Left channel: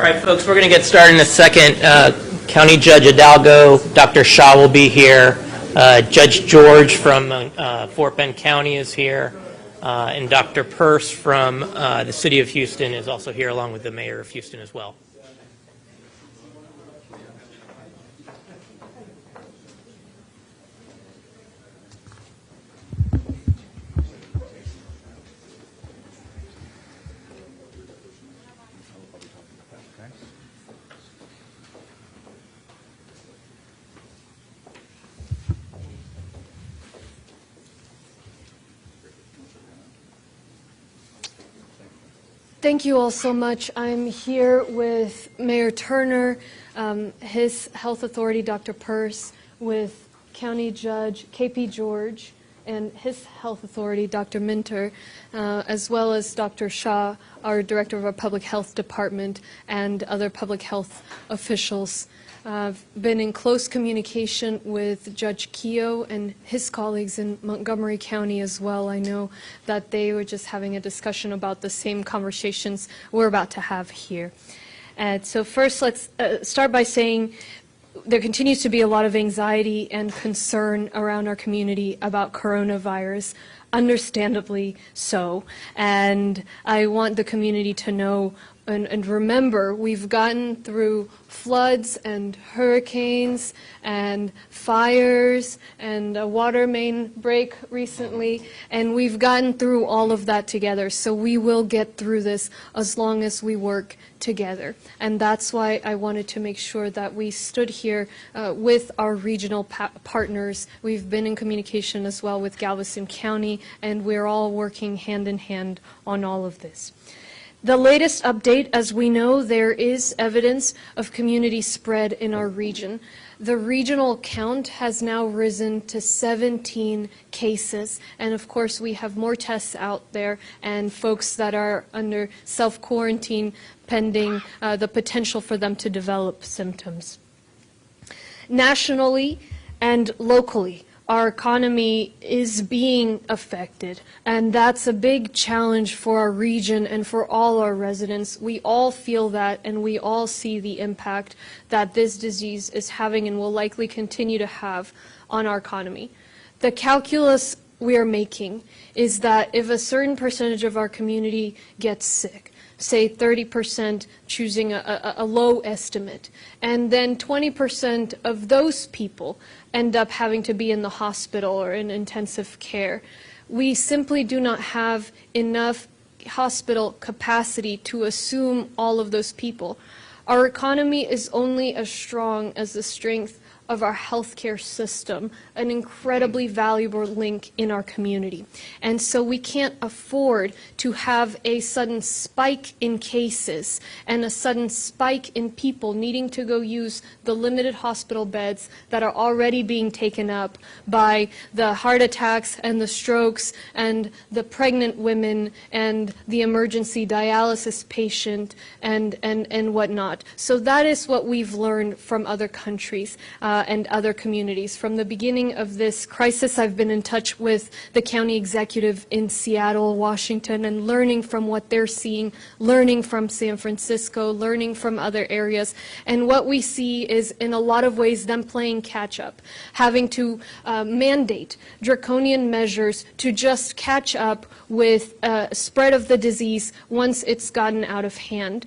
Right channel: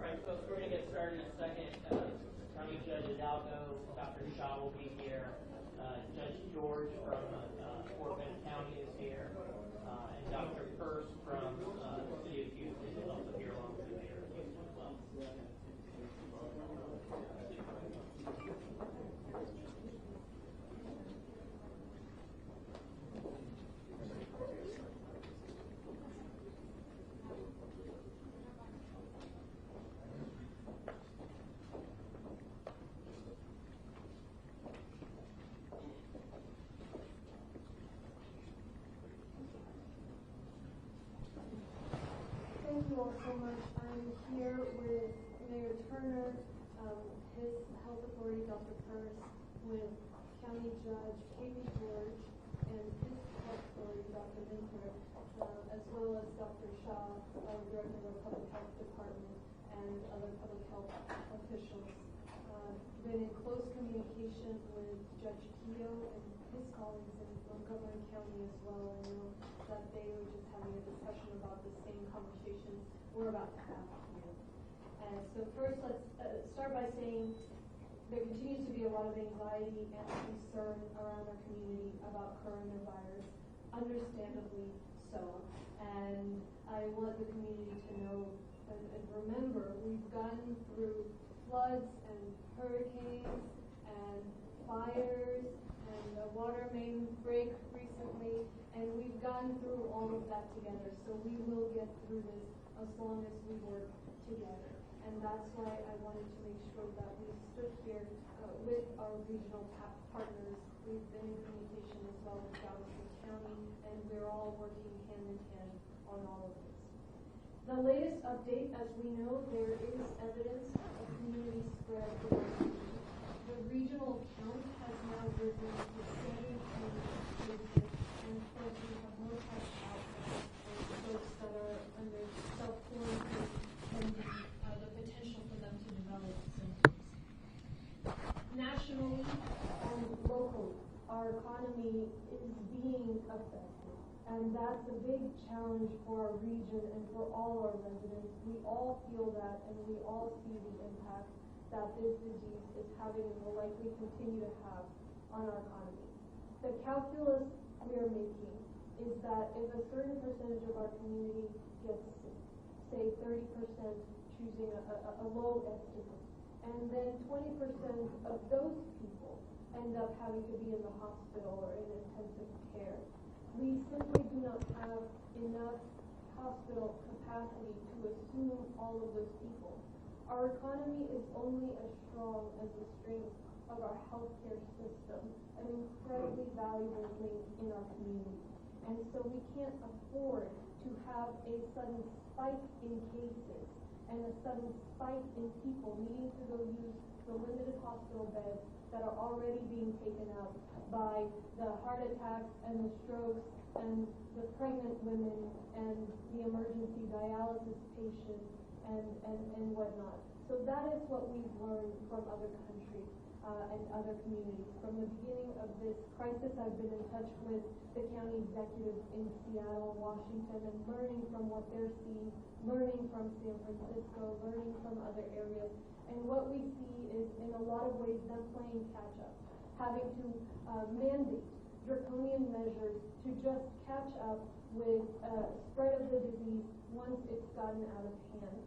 All right, folks, we're going to get started in a second. County Judge Hidalgo, Dr. Shaw will be here. Judge George from Fort Bend County is here. And Dr. Peirce from the City of Houston is also here, along with the Mayor of Houston as well. Thank you all so much. I'm here with Mayor Turner, his health authority, Dr. Peirce, with County Judge KP George and his health authority, Dr. Minter, as well as Dr. Shaw, our director of our public health department, and other public health officials. I've been in close communication with Judge Keogh and his colleagues in Montgomery County as well. I know that they were just having a discussion about the same conversations we're about to have here. And so first, let's start by saying there continues to be a lot of anxiety and concern around our community about coronavirus, understandably so. And I want the community to know and remember, we've gotten through floods and hurricanes and fires and a water main break recently, and we've gotten through all of that together. So we will get through this as long as we work together. And that's why I wanted to make sure that we stood here with our regional partners. We've been in communication as well with Galveston County, and we're all working hand in hand on all of this. The latest update, as we know, there is evidence of community spread in our region. The regional count has now risen to 17 cases, and of course we have more tests out there and folks that are under self-quarantine pending the potential for them to develop symptoms. Nationally and locally, our economy is being affected, and that's a big challenge for our region and for all our residents. We all feel that, and we all see the impact that this disease is having and will likely continue to have on our economy. The calculus we are making is that if a certain percentage of our community gets sick, say 30% choosing a low estimate, and then 20% of those people end up having to be in the hospital or in intensive care, we simply do not have enough hospital capacity to assume all of those people. Our economy is only as strong as the strength of our healthcare system, an incredibly valuable link in our community. And so we can't afford to have a sudden spike in cases and a sudden spike in people needing to go use the limited hospital beds that are already being taken up by the heart attacks and the strokes and the pregnant women and the emergency dialysis patient and whatnot. So that is what we've learned from other countries and other communities. From the beginning of this crisis, I've been in touch with the county executive in Seattle, Washington, and learning from what they're seeing, learning from San Francisco, learning from other areas. And what we see is, in a lot of ways, them playing catch up, having to mandate draconian measures to just catch up with spread of the disease once it's gotten out of hand.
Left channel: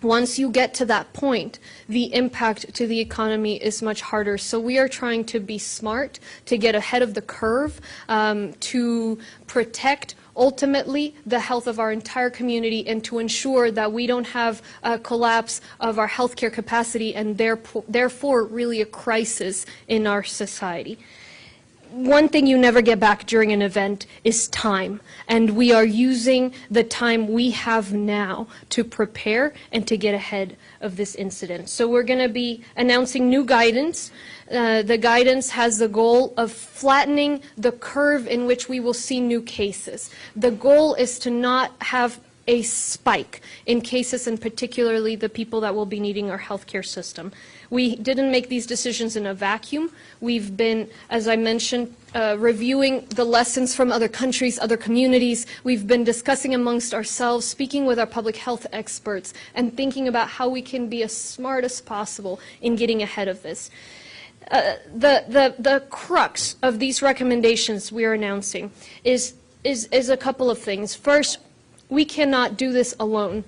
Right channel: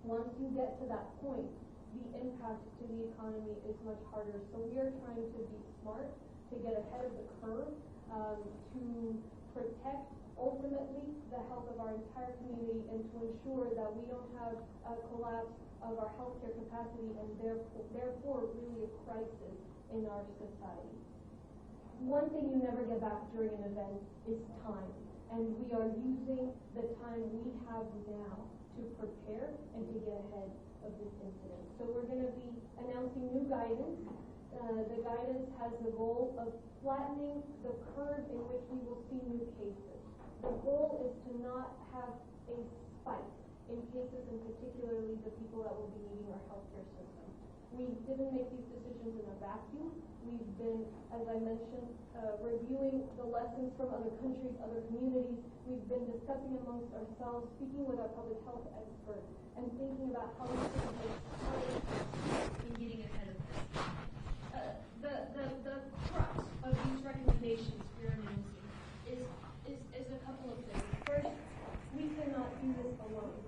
Once you get to that point, the impact to the economy is much harder. So we are trying to be smart, to get ahead of the curve, to protect ultimately the health of our entire community and to ensure that we don't have a collapse of our healthcare capacity and therefore really a crisis in our society. One thing you never get back during an event is time, and we are using the time we have now to prepare and to get ahead of this incident. So we're going to be announcing new guidance. The guidance has the goal of flattening the curve in which we will see new cases. The goal is to not have a spike in cases, and particularly the people that will be needing our healthcare system. We didn't make these decisions in a vacuum. We've been, as I mentioned, reviewing the lessons from other countries, other communities. We've been discussing amongst ourselves, speaking with our public health experts, and thinking about how we can be as smart as possible in getting ahead of this. The crux of these recommendations we are announcing is a couple of things. First, we cannot do this alone.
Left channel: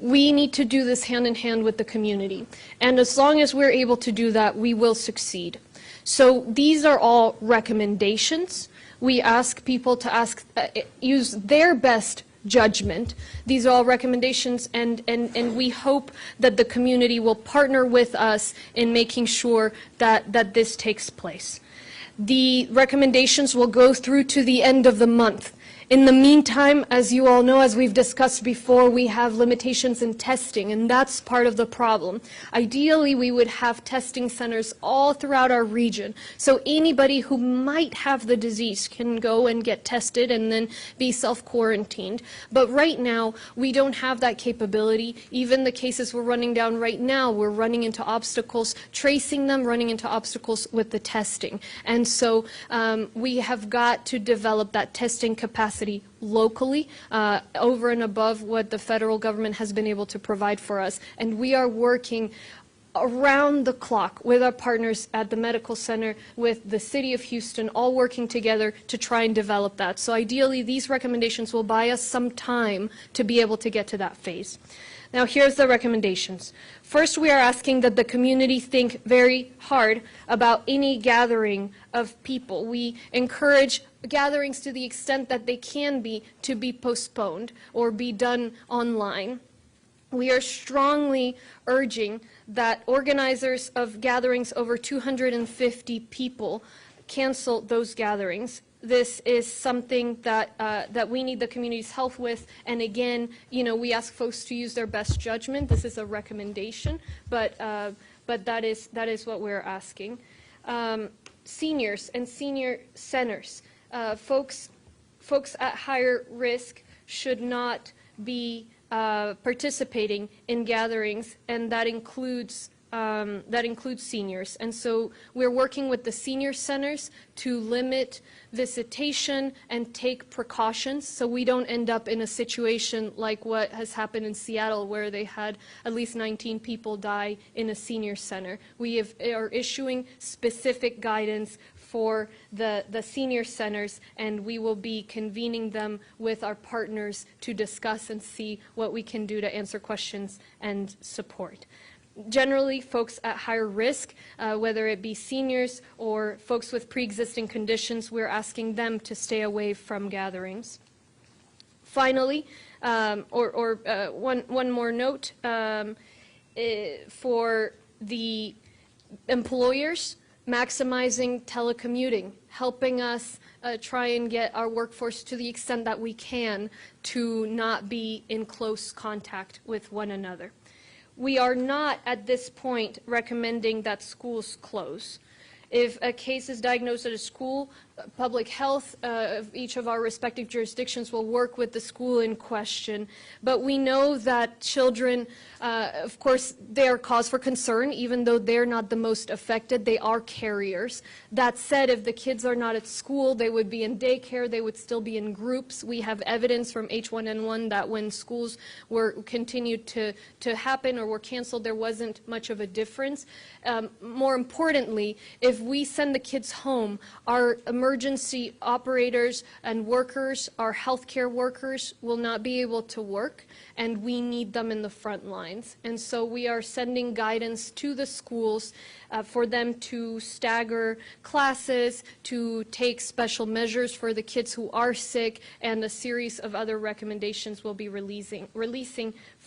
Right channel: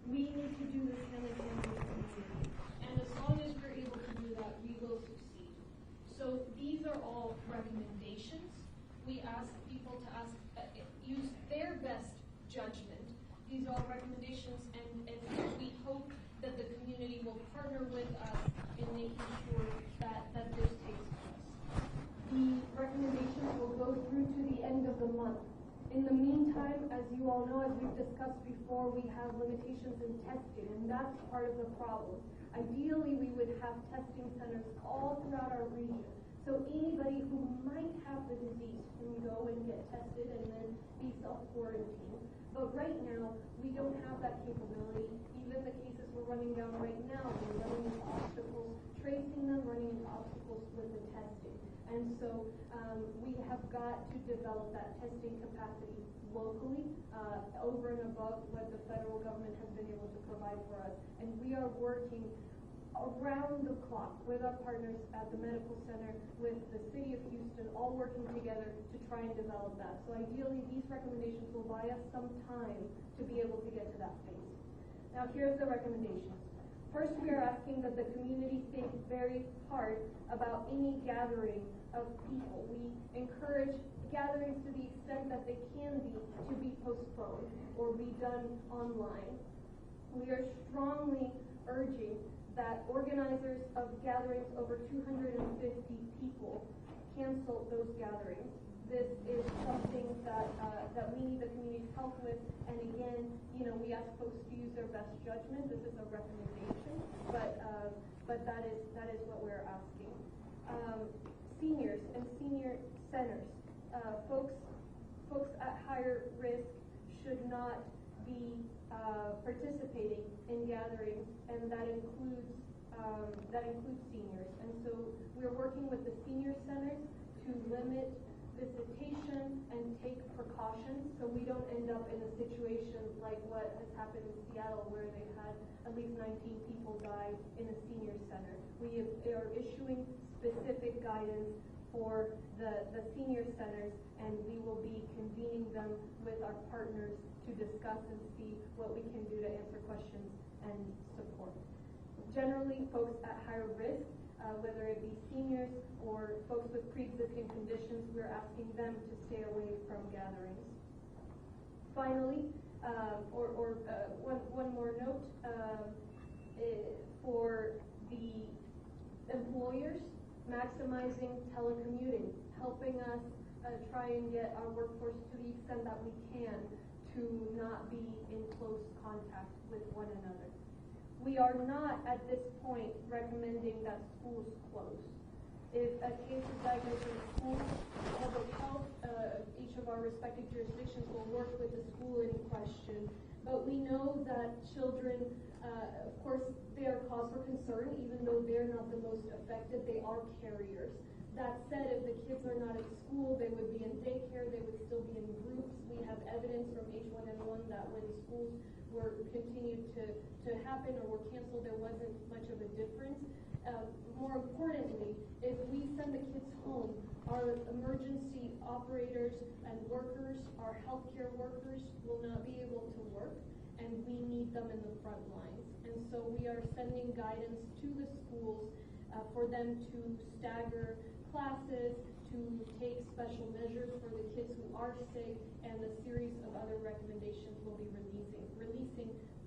We need to do this hand in hand with the community. And as long as we're able to do that, we will succeed. So these are all recommendations. We ask people to use their best judgment. These are all recommendations, and we hope that the community will partner with us in making sure that this takes place. The recommendations will go through to the end of the month. In the meantime, as you all know, as we've discussed before, we have limitations in testing, and that's part of the problem. Ideally, we would have testing centers all throughout our region, so anybody who might have the disease can go and get tested and then be self-quarantined. But right now, we don't have that capability. Even the cases we're running down right now, we're running into obstacles, tracing them, running into obstacles with the testing. And so we have got to develop that testing capacity locally, over and above what the federal government has been able to provide for us. And we are working around the clock with our partners at the medical center, with the city of Houston, all working together to try and develop that. So ideally, these recommendations will buy us some time to be able to get to that phase. Now, here's the recommendations. First, we are asking that the community think very hard about any gathering of people. We encourage gatherings to the extent that they can be to be postponed or be done online. We are strongly urging that organizers of gatherings over 250 people cancel those gatherings. This is something that we need the community's help with. And again, you know, we ask folks to use their best judgment. This is a recommendation, but that is what we're asking. Seniors and senior centers, folks at higher risk should not be participating in gatherings, and that includes seniors. And so we're working with the senior centers to limit visitation and take precautions so we don't end up in a situation like what has happened in Seattle, where they had at least 19 people die in a senior center. We are issuing specific guidance for the senior centers, and we will be convening them with our partners to discuss and see what we can do to answer questions and support. Generally, folks at higher risk, whether it be seniors or folks with pre-existing conditions, we're asking them to stay away from gatherings. Finally, one more note, for the employers, maximizing telecommuting, helping us try and get our workforce to the extent that we can to not be in close contact with one another. We are not at this point recommending that schools close. If a case is diagnosed at a school, public health of each of our respective jurisdictions will work with the school in question. But we know that children, of course, they are cause for concern, even though they're not the most affected. They are carriers. That said, if the kids are not at school, they would be in daycare, they would still be in groups. We have evidence from H1N1 that when schools were continued to happen or were canceled, there wasn't much of a difference. More importantly, if we send the kids home, our emergency operators and workers, our healthcare workers, will not be able to work, and we need them in the front lines. And so we are sending guidance to the schools for them to stagger classes, to take special measures for the kids who are sick, and a series of other recommendations we'll be releasing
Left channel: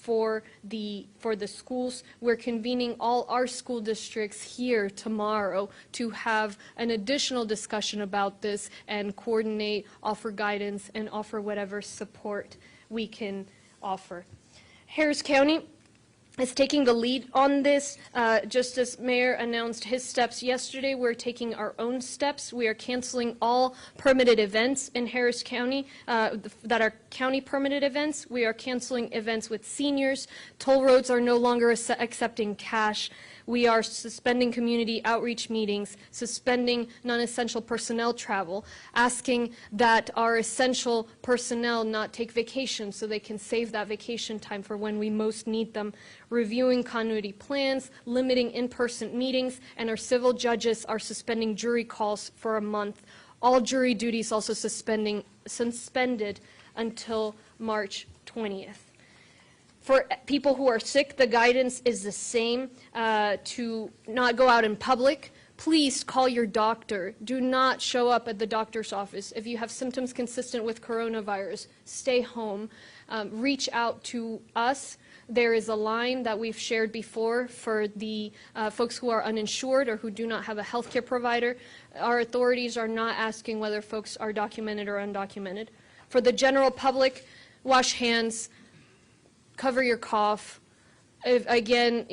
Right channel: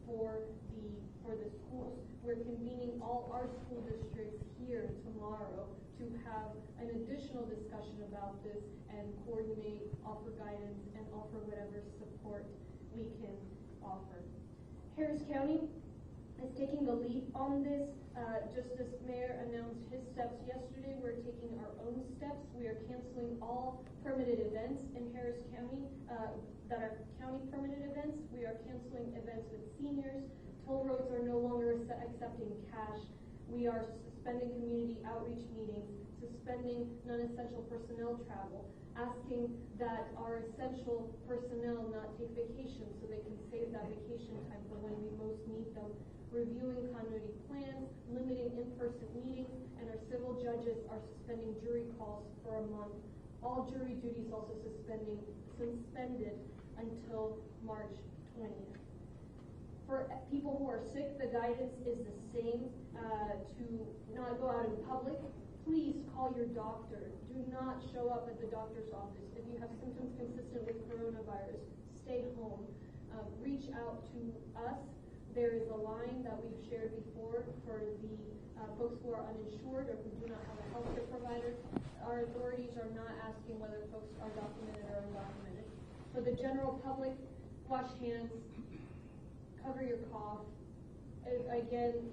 for the schools. We're convening all our school districts here tomorrow to have an additional discussion about this and coordinate, offer guidance, and offer whatever support we can offer. Harris County is taking the lead on this. Just as Mayor announced his steps yesterday, we're taking our own steps. We are canceling all permitted events in Harris County that are county permitted events. We are canceling events with seniors. Toll roads are no longer accepting cash. We are suspending community outreach meetings, suspending non-essential personnel travel, asking that our essential personnel not take vacation so they can save that vacation time for when we most need them, reviewing continuity plans, limiting in-person meetings, and our civil judges are suspending jury calls for a month. All jury duties also suspended until March 20th. For people who are sick, the guidance is the same, to not go out in public. Please call your doctor. Do not show up at the doctor's office. If you have symptoms consistent with coronavirus, stay home. Reach out to us. There is a line that we've shared before for the folks who are uninsured or who do not have a health care provider. Our authorities are not asking whether folks are documented or undocumented. For the general public, wash hands, cover your cough. Again,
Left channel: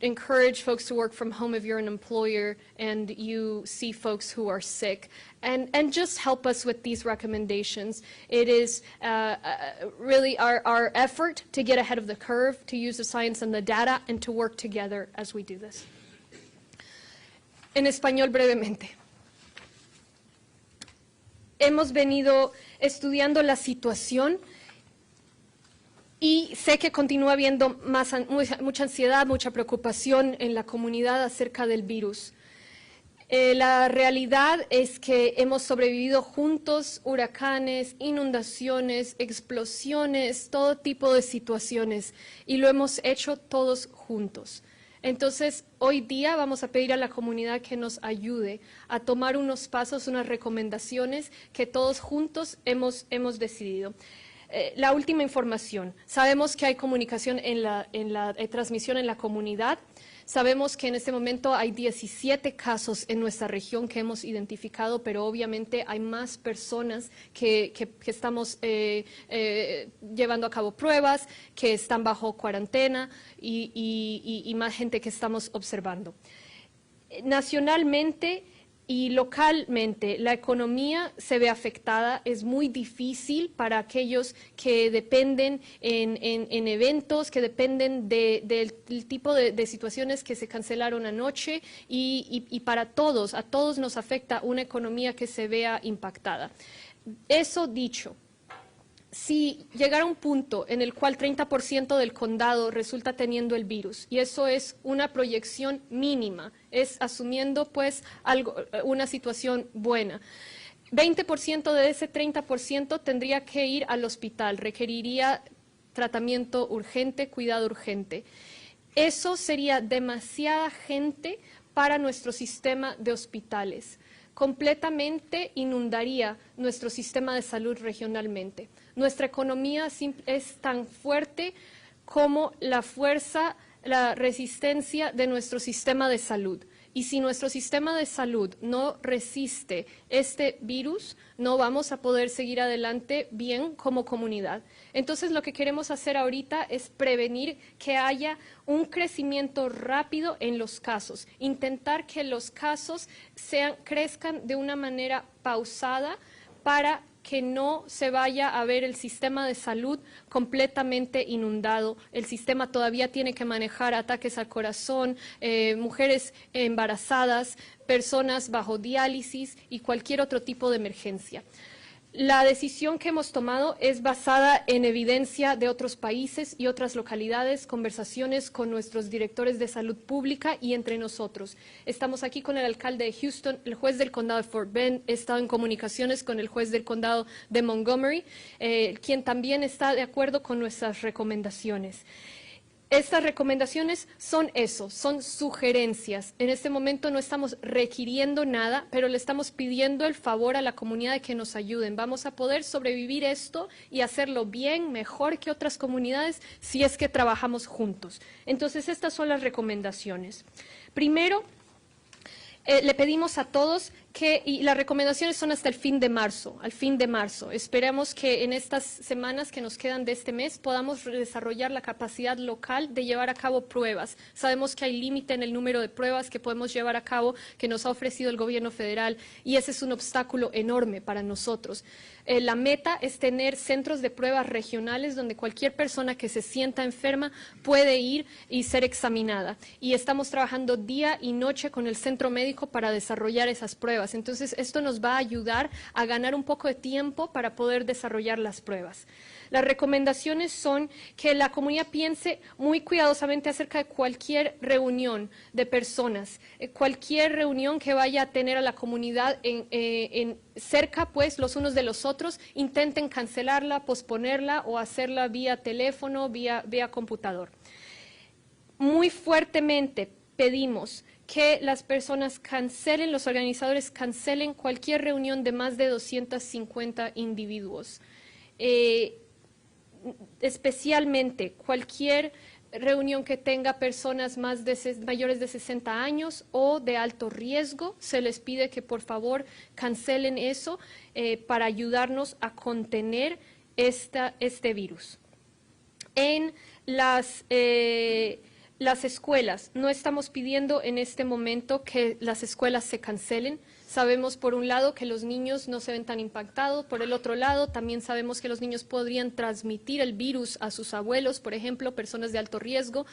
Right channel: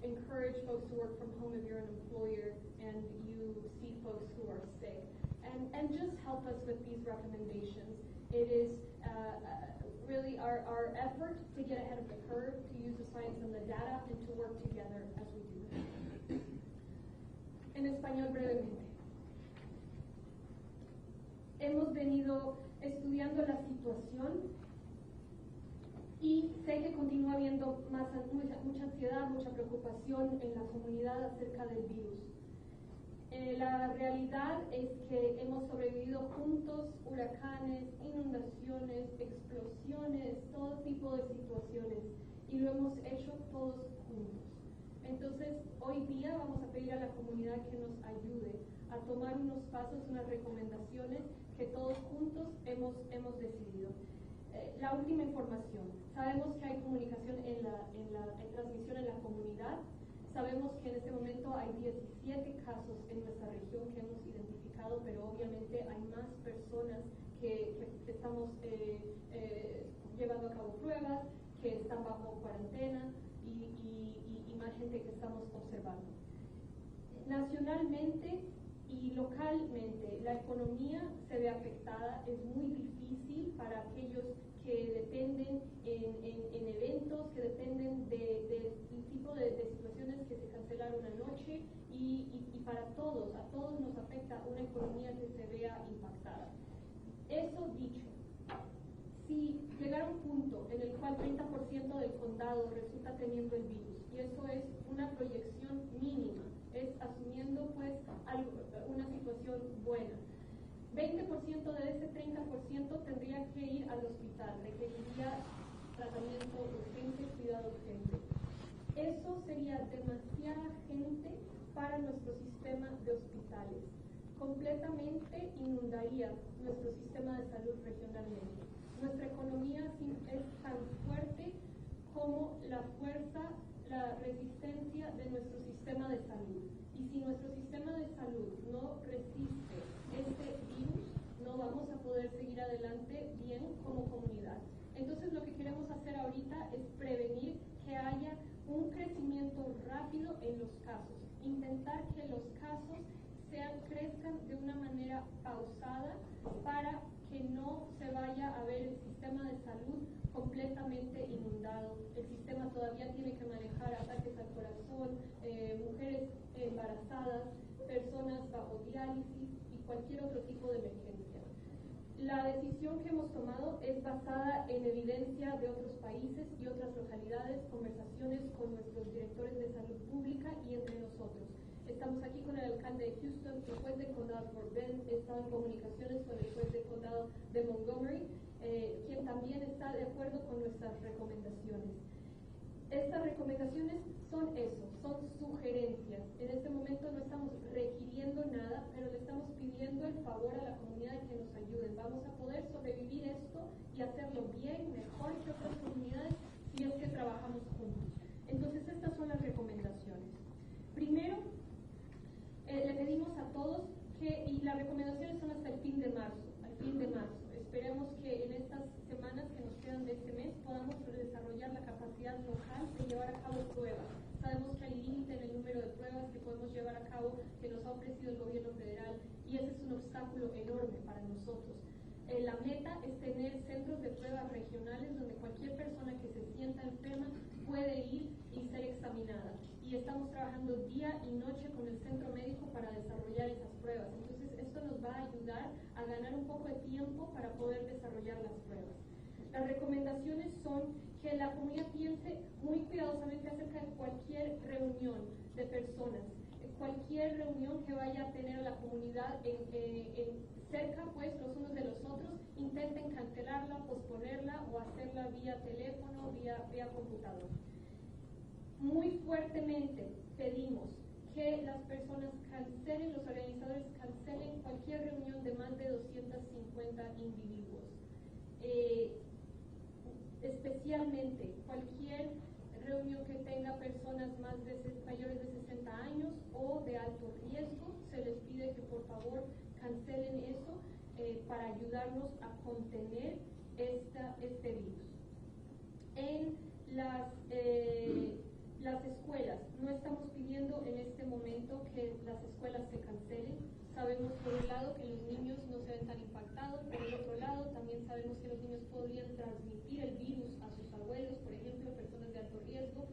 encourage folks to work from home if you're an employer and you see folks who are sick. And just help us with these recommendations. It is really our effort to get ahead of the curve, to use the science and the data, and to work together as we do this. En español brevemente. Hemos venido estudiando la situación y sé que continúa habiendo mucha ansiedad, mucha preocupación en la comunidad acerca del virus. La realidad es que hemos sobrevivido juntos huracanes, inundaciones, explosiones, todo tipo de situaciones, y lo hemos hecho todos juntos. Entonces, hoy día vamos a pedir a la comunidad que nos ayude a tomar unos pasos, unas recomendaciones que todos juntos hemos decidido. La última información. Sabemos que hay comunicación en la transmisión en la comunidad. Sabemos que en este momento hay 17 casos en nuestra región que hemos identificado, pero obviamente hay más personas que estamos llevando a cabo pruebas, que están bajo cuarentena y más gente que estamos observando. Nacionalmente y localmente la economía se ve afectada. Es muy difícil para aquellos que dependen en eventos, que dependen del tipo de situaciones que se cancelaron anoche, y para todos, a todos nos afecta una economía que se vea impactada. Eso dicho, si llegara un punto en el cual 30% del condado resulta teniendo el virus, y eso es una proyección mínima, es asumiendo pues una situación buena, 20% de ese 30% tendría que ir al hospital, requeriría tratamiento urgente, cuidado urgente. Eso sería demasiada gente para nuestro sistema de hospitales. Completamente inundaría nuestro sistema de salud regionalmente. Nuestra economía es tan fuerte como la fuerza, la resistencia de nuestro sistema de salud. Y si nuestro sistema de salud no resiste este virus, no vamos a poder seguir adelante bien como comunidad. Entonces, lo que queremos hacer ahorita es prevenir que haya un crecimiento rápido en los casos, intentar que los casos crezcan de una manera pausada para que no se vaya a ver el sistema de salud completamente inundado. El sistema todavía tiene que manejar ataques al corazón, mujeres embarazadas, personas bajo diálisis y cualquier otro tipo de emergencia. La decisión que hemos tomado es basada en evidencia de otros países y otras localidades, conversaciones con nuestros directores de salud pública y entre nosotros. Estamos aquí con el alcalde de Houston, el juez del condado de Fort Bend, he estado en comunicaciones con el juez del condado de Montgomery, quien también está de acuerdo con nuestras recomendaciones. Estas recomendaciones son eso, son sugerencias. En este momento no estamos requiriendo nada, pero le estamos pidiendo el favor a la comunidad de que nos ayuden. Vamos a poder sobrevivir esto y hacerlo bien, mejor que otras comunidades, si es que trabajamos juntos. Entonces, estas son las recomendaciones. Primero, le pedimos a todos y las recomendaciones son hasta el fin de marzo, al fin de marzo. Esperamos que en estas semanas que nos quedan de este mes podamos desarrollar la capacidad local de llevar a cabo pruebas. Sabemos que hay límite en el número de pruebas que podemos llevar a cabo que nos ha ofrecido el gobierno federal y ese es un obstáculo enorme para nosotros. La meta es tener centros de pruebas regionales donde cualquier persona que se sienta enferma puede ir y ser examinada. Y estamos trabajando día y noche con el centro médico para desarrollar esas pruebas. Entonces, esto nos va a ayudar a ganar un poco de tiempo para poder desarrollar las pruebas. Las recomendaciones son que la comunidad piense muy cuidadosamente acerca de cualquier reunión de personas, cualquier reunión que vaya a tener a la comunidad cerca, pues, los unos de los otros, intenten cancelarla, posponerla o hacerla vía teléfono, vía computador. Muy fuertemente pedimos que las personas cancelen, los organizadores cancelen cualquier reunión de más de 250 individuos. Especialmente cualquier reunión que tenga personas mayores de 60 años o de alto riesgo, se les pide que por favor cancelen eso para ayudarnos a contener este virus. En las escuelas, no estamos pidiendo en este momento que las escuelas se cancelen. Sabemos por un lado que los niños no se ven tan impactados, por el otro lado también sabemos que los niños podrían transmitir el virus a sus abuelos, por ejemplo, personas de alto riesgo,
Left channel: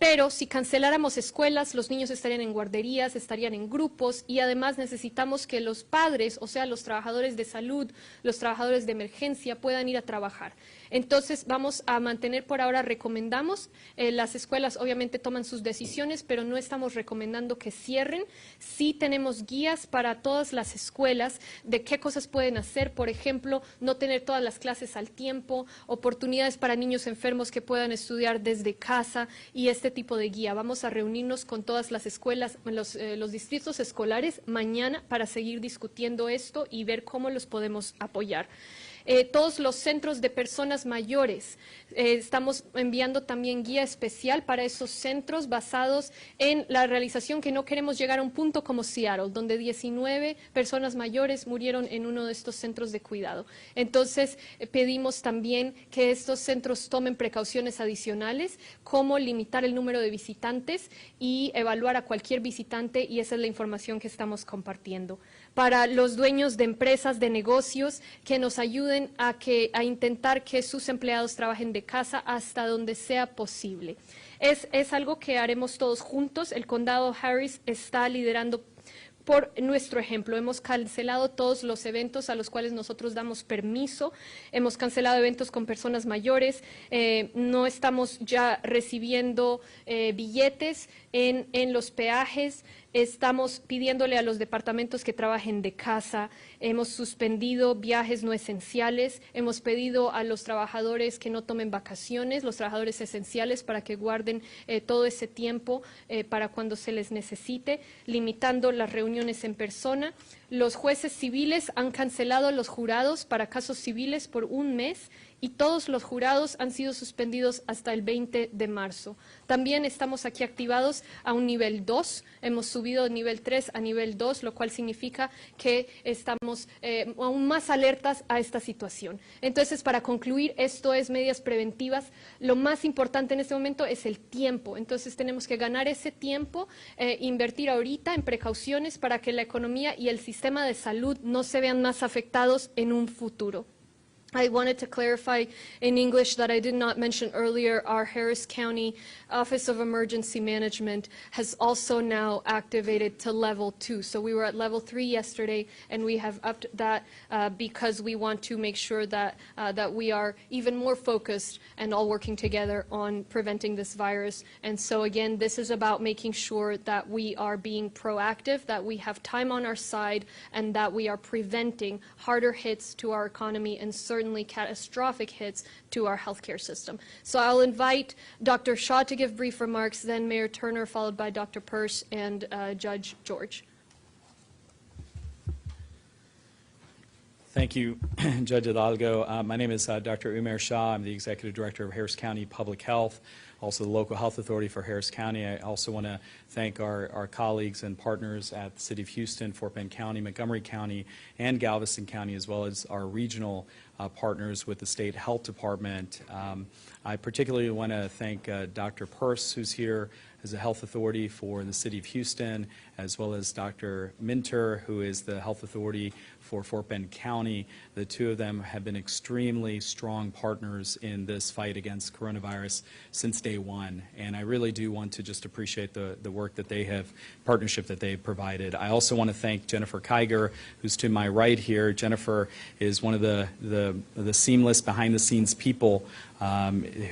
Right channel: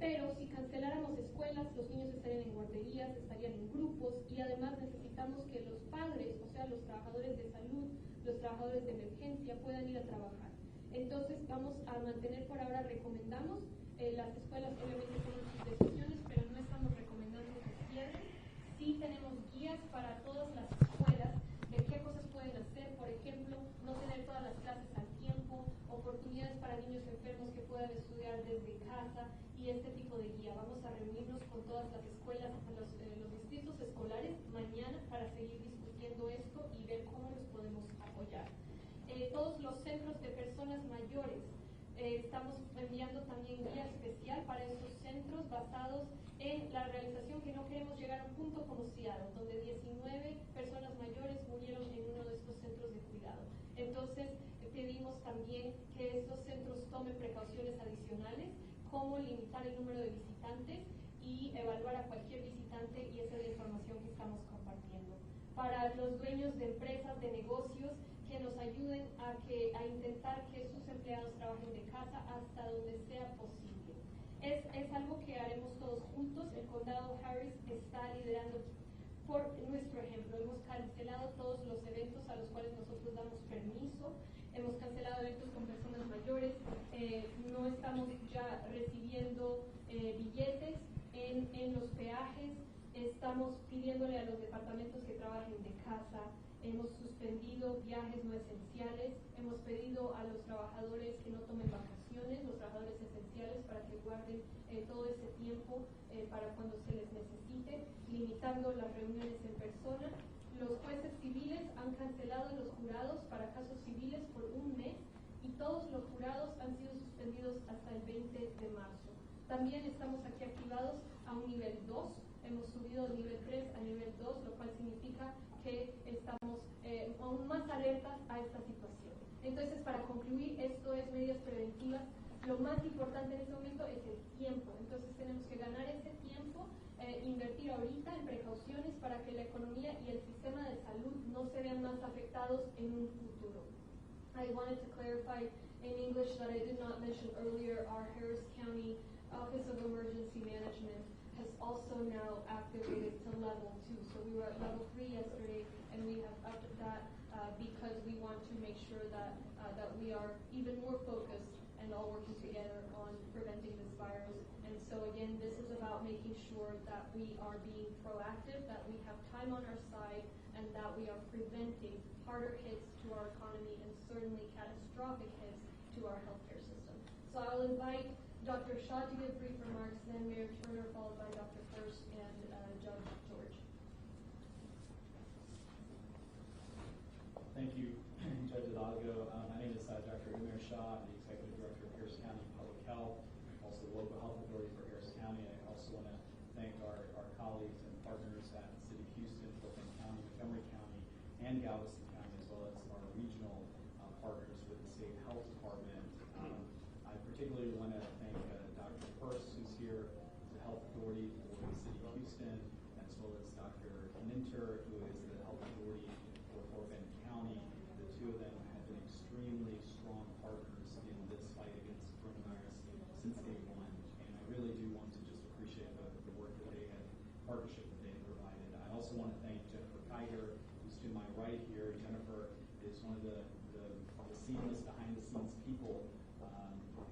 pero si canceláramos escuelas, los niños estarían en guarderías, estarían en grupos y además necesitamos que los padres, o sea, los trabajadores de salud, los trabajadores de emergencia puedan ir a trabajar. Entonces vamos a mantener por ahora, recomendamos, las escuelas obviamente toman sus decisiones, pero no estamos recomendando que cierren. Sí tenemos guías para todas las escuelas de qué cosas pueden hacer, por ejemplo, no tener todas las clases al tiempo, oportunidades para niños enfermos que puedan estudiar desde casa y este tipo de guía. Vamos a reunirnos con todas las escuelas, los distritos escolares mañana para seguir discutiendo esto y ver cómo los podemos apoyar. Todos los centros de personas mayores, estamos enviando también guía especial para esos centros basados en la realización que no queremos llegar a un punto como Seattle, donde 19 personas mayores murieron en uno de estos centros de cuidado. Entonces, pedimos también que estos centros tomen precauciones adicionales, como limitar el número de visitantes y evaluar a cualquier visitante, y esa es la información que estamos compartiendo. Para los dueños de empresas, de negocios, que nos ayuden a intentar que sus empleados trabajen de casa hasta donde sea posible. Es algo que haremos todos juntos. El condado Harris está liderando por nuestro ejemplo. Hemos cancelado todos los eventos a los cuales nosotros damos permiso, hemos cancelado eventos con personas mayores, no estamos ya recibiendo billetes en los peajes, estamos pidiéndole a los departamentos que trabajen de casa, hemos suspendido viajes no esenciales, hemos pedido a los trabajadores que no tomen vacaciones, los trabajadores esenciales, para que guarden todo ese tiempo para cuando se les necesite, limitando las reuniones en persona. Los jueces civiles han cancelado los jurados para casos civiles por un mes y todos los jurados han sido suspendidos hasta el 20 de marzo. También estamos aquí activados a un nivel 2, hemos subido de nivel 3 a nivel 2, lo cual significa que estamos aún más alertas a esta situación. Entonces, para concluir, esto es medidas preventivas. Lo más importante en este momento es el tiempo. Entonces, tenemos que ganar ese tiempo, invertir ahorita en precauciones para que la economía y el sistema de salud no se vean más afectados en un futuro. I wanted to clarify in English that I did not mention earlier, our Harris County Office of Emergency Management has also now activated to level 2. So we were at level 3 yesterday, and we have upped that because we want to make sure that, that we are even more focused and all working together on preventing this virus. And so again, this is about making sure that we are being proactive, that we have time on our side, and that we are preventing harder hits to our economy and certainly catastrophic hits to our healthcare system. So I'll invite Dr. Shaw to give brief remarks, then Mayor Turner, followed by Dr. Peirce and Judge George. Thank you, Judge Hidalgo. My name is Dr. Umair Shah. I'm the Executive Director of Harris County Public Health, also the local health authority for Harris County. I also want to thank our colleagues and partners at the City of Houston, Fort Bend County, Montgomery County, and Galveston County, as well as our regional partners with the State Health Department. I particularly want to thank Dr. Peirce, who's here as a health authority for the City of Houston, as well as Dr. Minter, who is the health authority for Fort Bend County. The two of them have been extremely strong partners in this fight against coronavirus since day one, and I really do want to just appreciate the work that they have, partnership that they've provided. I also want to thank Jennifer Kiger, who's to my right here. Jennifer is one of the seamless behind-the-scenes people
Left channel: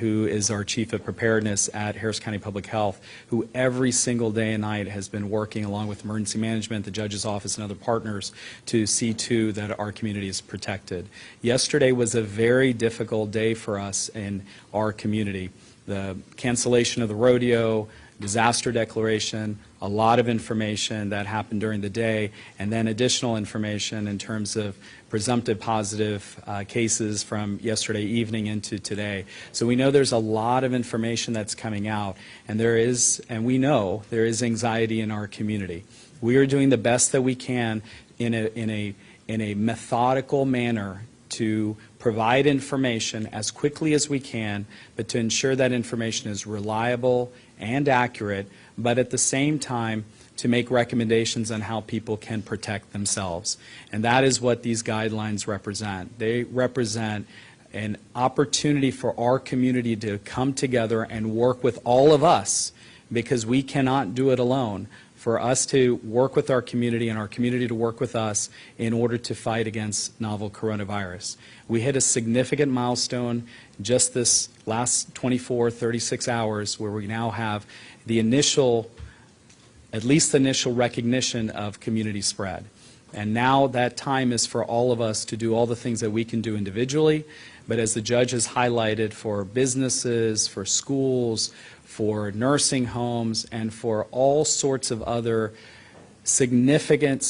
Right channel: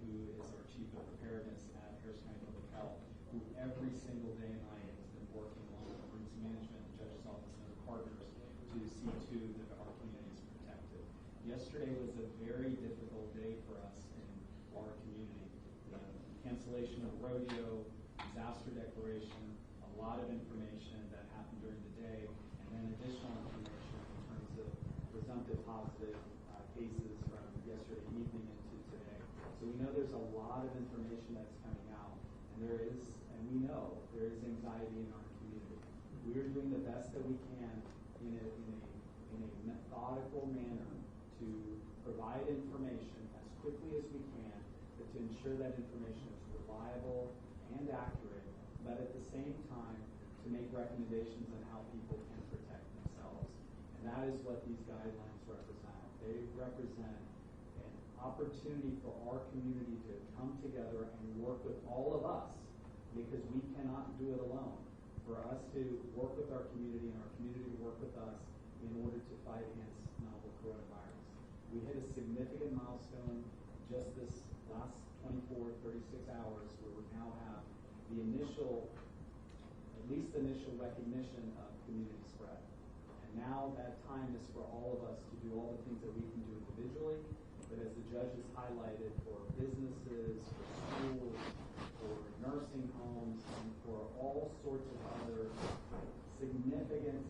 who is our Chief of Preparedness at Harris County Public Health, who every single day and night has been working along with emergency management, the judge's office, and other partners to see to that our community is protected. Yesterday was a very difficult day for us in our community. The cancellation of the rodeo, disaster declaration, a lot of information that happened during the day, and then additional information in terms of presumptive positive cases from yesterday evening into today. So we know there's a lot of information that's coming out, and we know there is anxiety in our community. We are doing the best that we can in a methodical manner to provide information as quickly as we can, but to ensure that information is reliable and accurate, but at the same time to make recommendations on how people can protect themselves. And that is what these guidelines represent. They represent an opportunity for our community to come together and work with all of us, because we cannot do it alone, for us to work with our community and our community to work with us in order to fight against novel coronavirus. We hit a significant milestone just this last 24, 36 hours where we now have the initial, at least the initial recognition of community spread. And now that time is for all of us to do all the things that we can do individually, but as the judge has highlighted, for businesses, for schools, for nursing homes, and for all sorts of other significant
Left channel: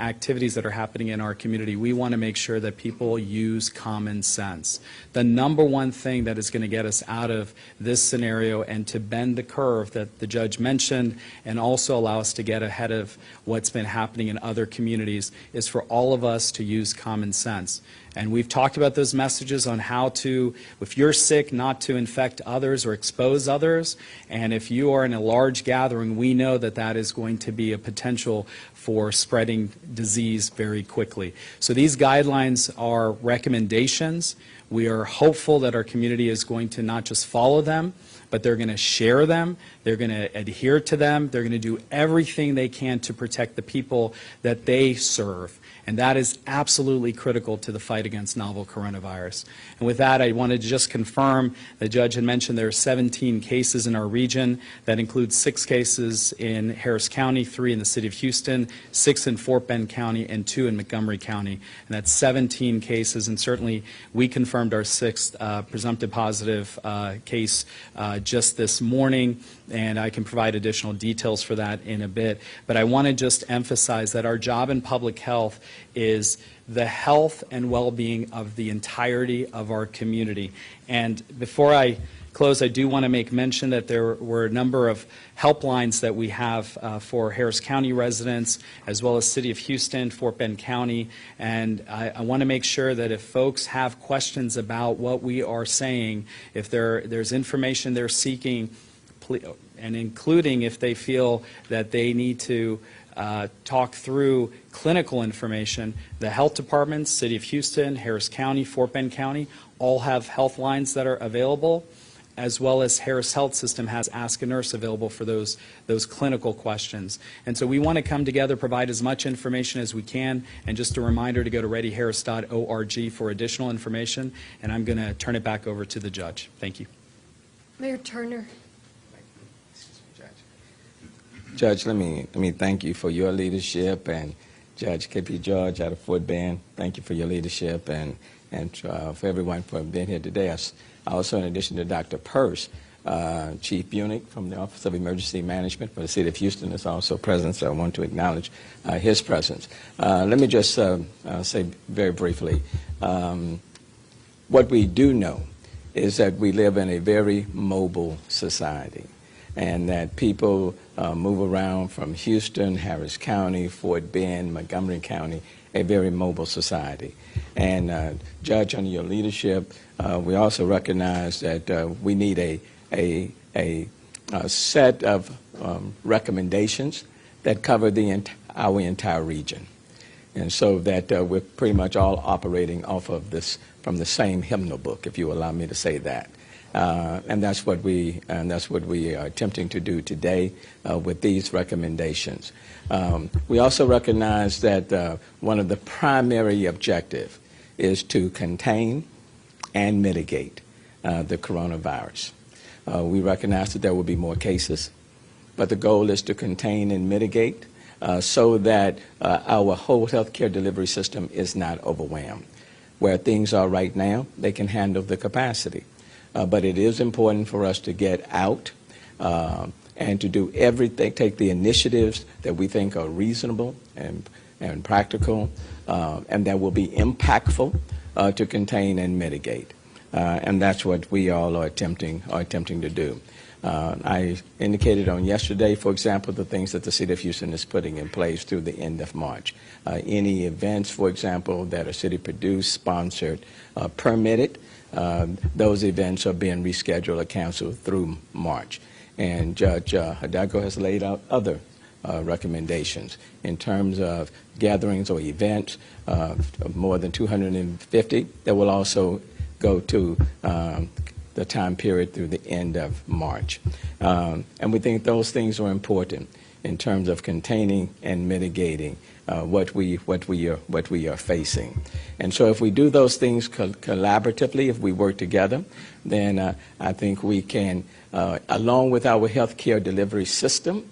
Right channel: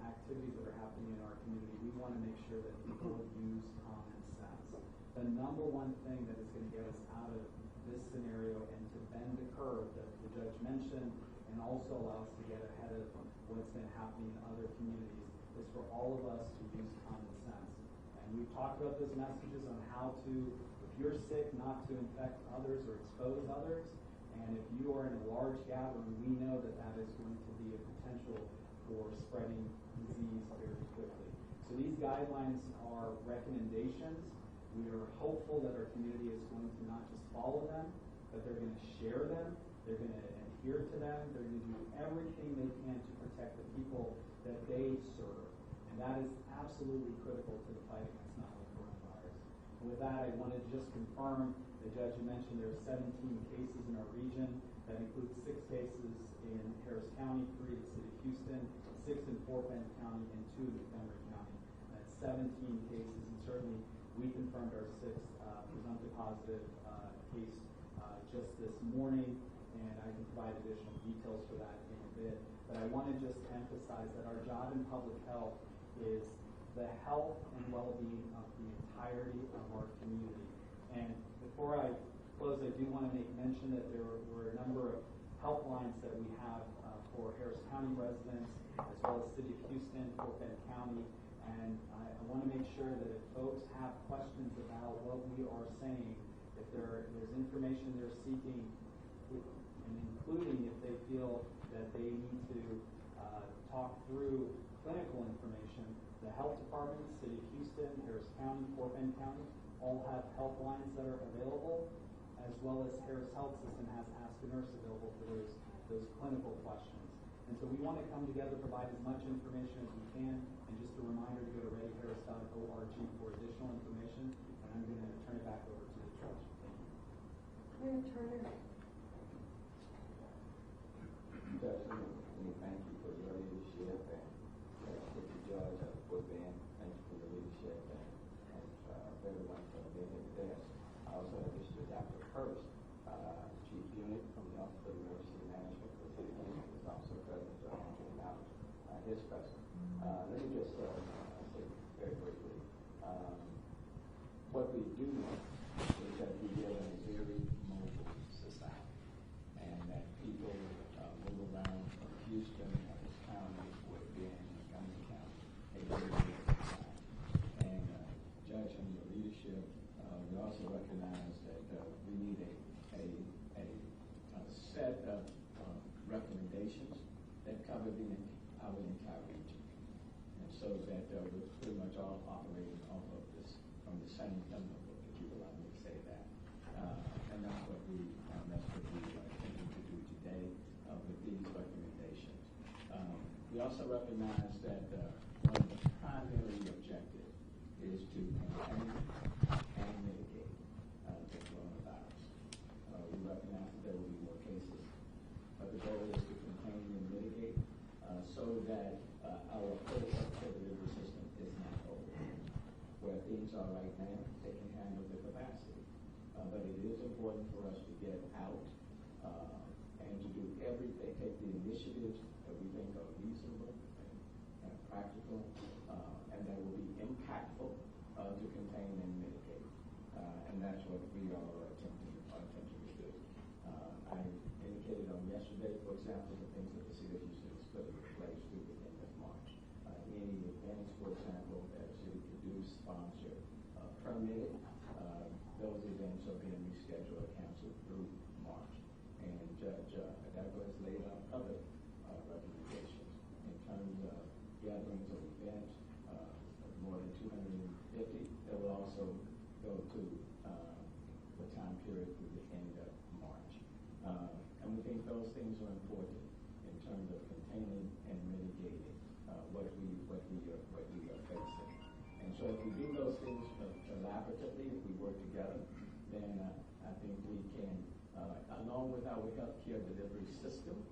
activities that are happening in our community, we want to make sure that people use common sense. The number one thing that is going to get us out of this scenario and to bend the curve that the judge mentioned, and also allow us to get ahead of what's been happening in other communities, is for all of us to use common sense. And we've talked about those messages on how to, if you're sick, not to infect others or expose others. And if you are in a large gathering, we know that that is going to be a potential for spreading disease very quickly. So these guidelines are recommendations. We are hopeful that our community is going to not just follow them, but they're going to share them, they're going to adhere to them, they're going to do everything they can to protect the people that they serve. And that is absolutely critical to the fight against novel coronavirus. And with that, I wanted to just confirm, the judge had mentioned there are 17 cases in our region. That includes 6 cases in Harris County, 3 in the City of Houston, 6 in Fort Bend County, and 2 in Montgomery County. And that's 17 cases, and certainly we confirmed our 6th presumptive positive case just this morning, and I can provide additional details for that in a bit. But I want to just emphasize that our job in public health is the health and well-being of the entirety of our community. And before I close, I do want to make mention that there were a number of helplines that we have for Harris County residents, as well as City of Houston, Fort Bend County. And I want to make sure that if folks have questions about what we are saying, if there's information they're seeking, and including if they feel that they need to talk through clinical information, the health departments, City of Houston, Harris County, Fort Bend County, all have health lines that are available, as well as Harris Health System has Ask a Nurse available for those clinical questions. And so we want to come together, provide as much information as we can, and just a reminder to go to readyharris.org for additional information, and I'm going to turn it back over to the judge. Thank you. Mayor Turner. Judge, let me thank you for your leadership, and Judge K.P. George out of Fort Bend, thank you for your leadership, and for everyone for being here today. Also, in addition to Dr. Peirce, Chief Bunick from the Office of Emergency Management for the City of Houston is also present, so I want to acknowledge his presence. Let me just say very briefly, what we do know is that we live in a very mobile society, and that people move around from Houston, Harris County, Fort Bend, Montgomery County, a very mobile society. And Judge, under your leadership, we also recognize that we need a set of recommendations that cover our entire region, and so that we're pretty much all operating off of this from the same hymnal book, if you allow me to say that. And that's what we are attempting to do today with these recommendations. We also recognize that one of the primary objectives is to contain and mitigate the coronavirus. We recognize that there will be more cases, but the goal is to contain and mitigate so that our whole healthcare delivery system is not overwhelmed. Where things are right now, they can handle the capacity. But it is important for us to get out and to do everything, take the initiatives that we think are reasonable and practical and that will be impactful to contain and mitigate. And that's what we all are attempting to do. I indicated on yesterday, for example, the things that the City of Houston is putting in place through the end of March. Any events, for example, that are city produced, sponsored, permitted, those events are being rescheduled or canceled through March. And Judge Hidalgo has laid out other recommendations in terms of gatherings or events of more than 250 that will also go to the time period through the end of March. And we think those things are important in terms of containing and mitigating what we are facing. And so if we do those things collaboratively, if we work together, then I think we can, along with our healthcare delivery system,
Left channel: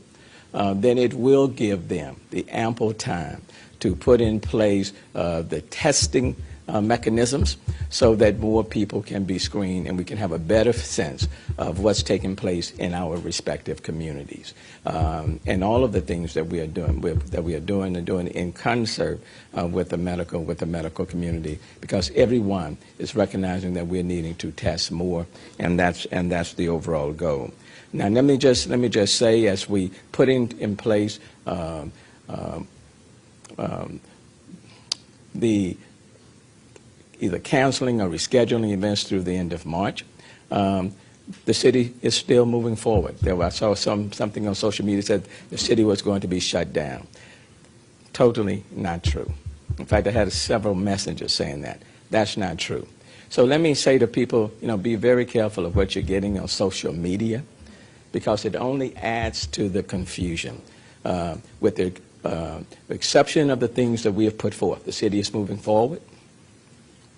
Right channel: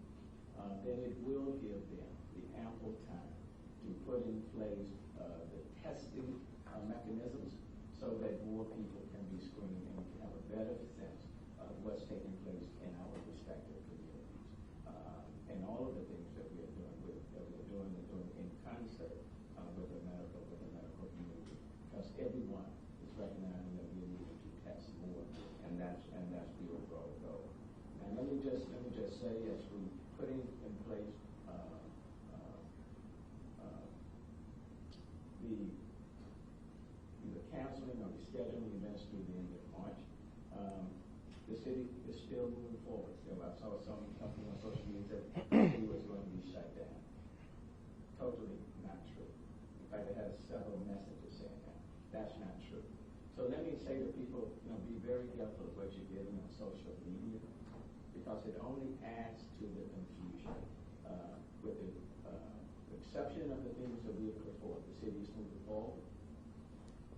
then it will give them the ample time to put in place the testing mechanisms so that more people can be screened and we can have a better sense of what's taking place in our respective communities. And all of the things that we are doing in concert with the medical community, because everyone is recognizing that we're needing to test more, and that's the overall goal. Now let me just say, as we put in place the either canceling or rescheduling events through the end of March, the city is still moving forward. I saw something on social media said the city was going to be shut down. Totally not true. In fact, I had several messages saying that. That's not true. So let me say to people, be very careful of what you're getting on social media, because it only adds to the confusion. With the exception of the things that we have put forth, the city is moving forward.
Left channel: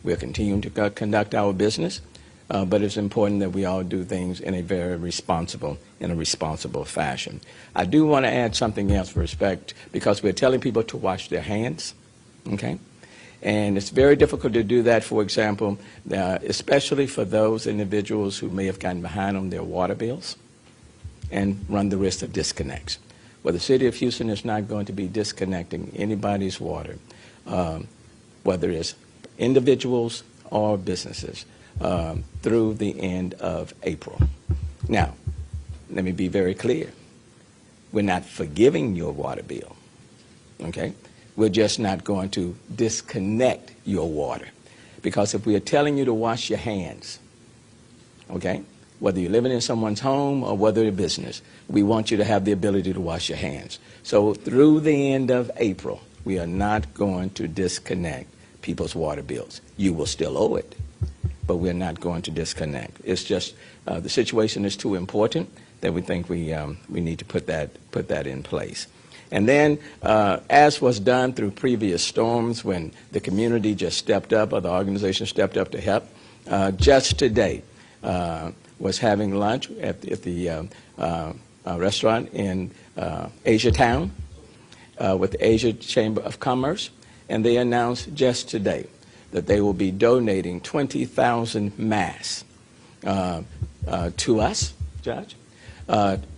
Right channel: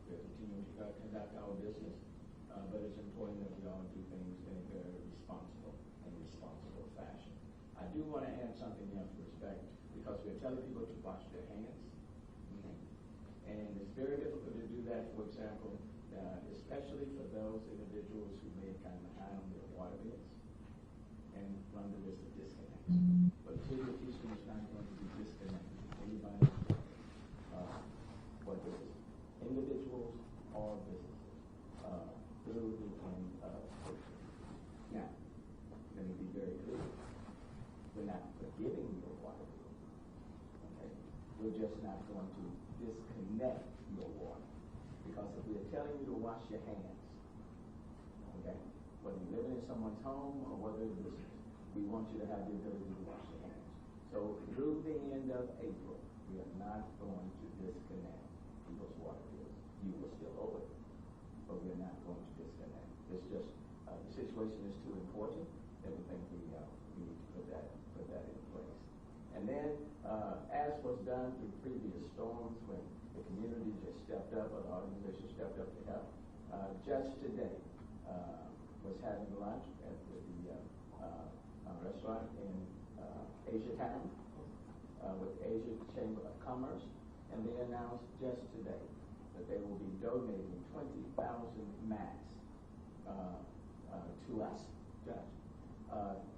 We're continuing to conduct our business, but it's important that we all do things in a very responsible fashion. I do want to add something else for respect, because we're telling people to wash their hands, okay? And it's very difficult to do that, for example, especially for those individuals who may have gotten behind on their water bills and run the risk of disconnects. Well, the City of Houston is not going to be disconnecting anybody's water, whether it's individuals or businesses, through the end of April. Now, let me be very clear. We're not forgiving your water bill, okay? We're just not going to disconnect your water. Because if we are telling you to wash your hands, okay, whether you're living in someone's home or whether you're a business, we want you to have the ability to wash your hands. So through the end of April, we are not going to disconnect people's water bills. You will still owe it, but we're not going to disconnect. It's just the situation is too important that we think we need to put that in place. And then, as was done through previous storms, when the community just stepped up or the organization stepped up to help, just today was having lunch at the restaurant in Asia Town with the Asia Chamber of Commerce. And they announced just today that they will be donating 20,000 masks to us Judge,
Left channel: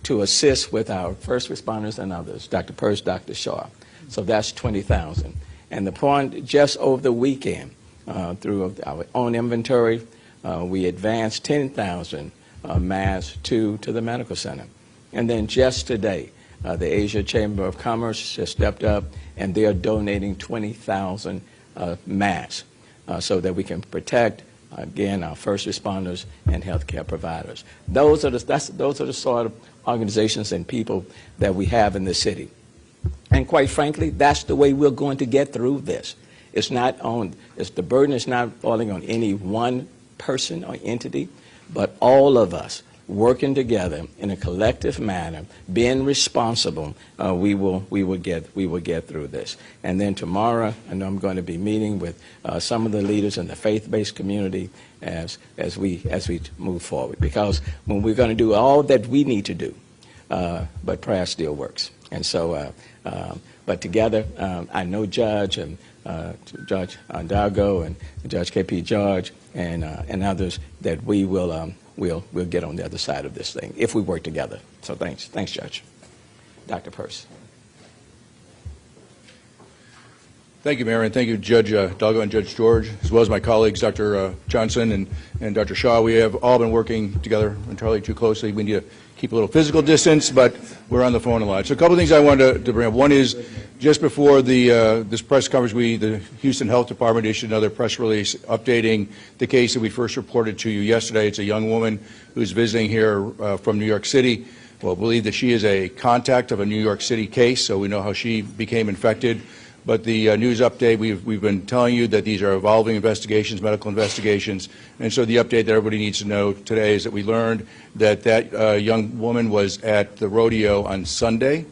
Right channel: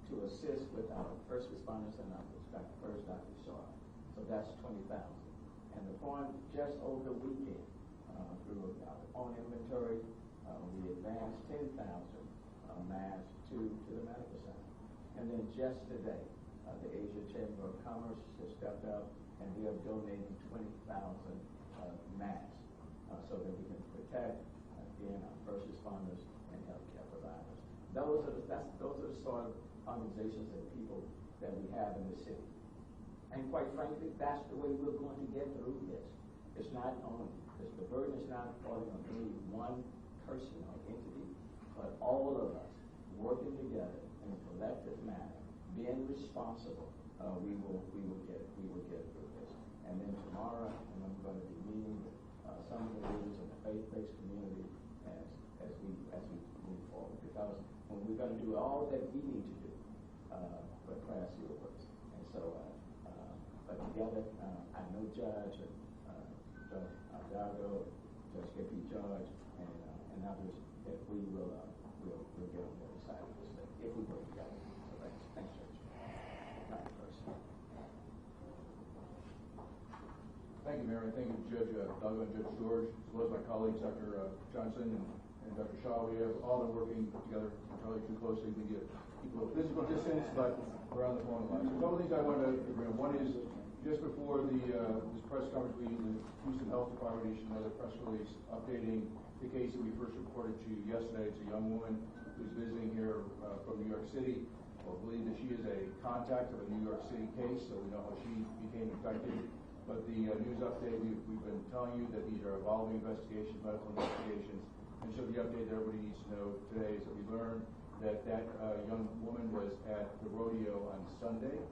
to assist with our first responders and others, Dr. Peirce, Dr. Shaw. So that's 20,000. And the point, just over the weekend, through our own inventory, we advanced 10,000 masks to the medical center. And then just today, the Asia Chamber of Commerce has stepped up, and they are donating 20,000 masks so that we can protect, again, our first responders and healthcare providers. Those are the sort of organizations and people that we have in the city. And quite frankly, that's the way we're going to get through this. The burden is not falling on any one person or entity, but all of us working together in a collective manner, being responsible, we will get through this. And then tomorrow, I know I'm going to be meeting with some of the leaders in the faith-based community as we move forward. Because when we're going to do all that we need to do, but prayer still works. And so, but together, I know Judge and Judge Dalgo and Judge K.P. George and others that we will we'll get on the other side of this thing if we work together. So thanks, Judge. Dr. Peirce. Thank you, Mayor, and thank you, Judge Dalgo and Judge George, as well as my colleagues, Dr. Johnson and Dr. Shaw. We have all been working together entirely too closely. We need to keep a little physical distance, but we're on the phone a lot. So a couple of things I wanted to bring up. One is, just before this press conference, the Houston Health Department issued another press release updating the case that we first reported to you yesterday. It's a young woman who's visiting here from New York City. Well, believe that she is a contact of a New York City case, so we know how she became infected. But the news update, we've been telling you that these are evolving investigations, medical investigations, and so the update that everybody needs to know today is that we learned that that young woman was at the rodeo on Sunday.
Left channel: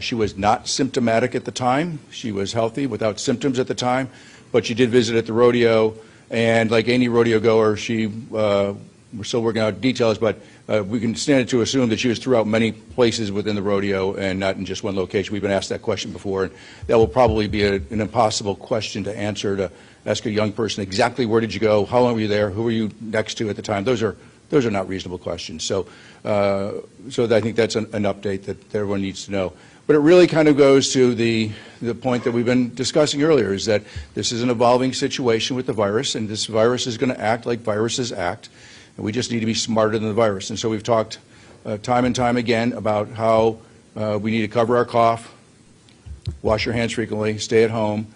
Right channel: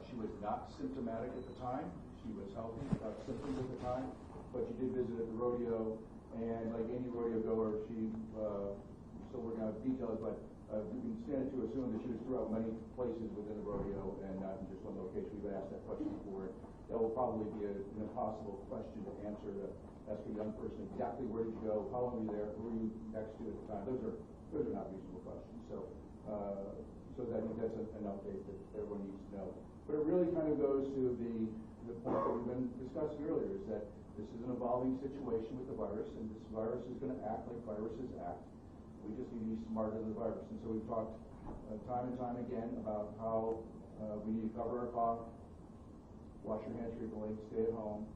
She was not symptomatic at the time. She was healthy without symptoms at the time, but she did visit at the rodeo, and like any rodeo goer, we're still working out details, but we can stand to assume that she was throughout many places within the rodeo and not in just one location. We've been asked that question before, and that will probably be an impossible question to answer, to ask a young person exactly where did you go, how long were you there, who were you next to at the time. Those are not reasonable questions. So I think that's an update that everyone needs to know. But it really kind of goes to the point that we've been discussing earlier, is that this is an evolving situation with the virus, and this virus is going to act like viruses act, and we just need to be smarter than the virus. And so we've talked time and time again about how we need to cover our cough, wash your hands frequently, stay at home.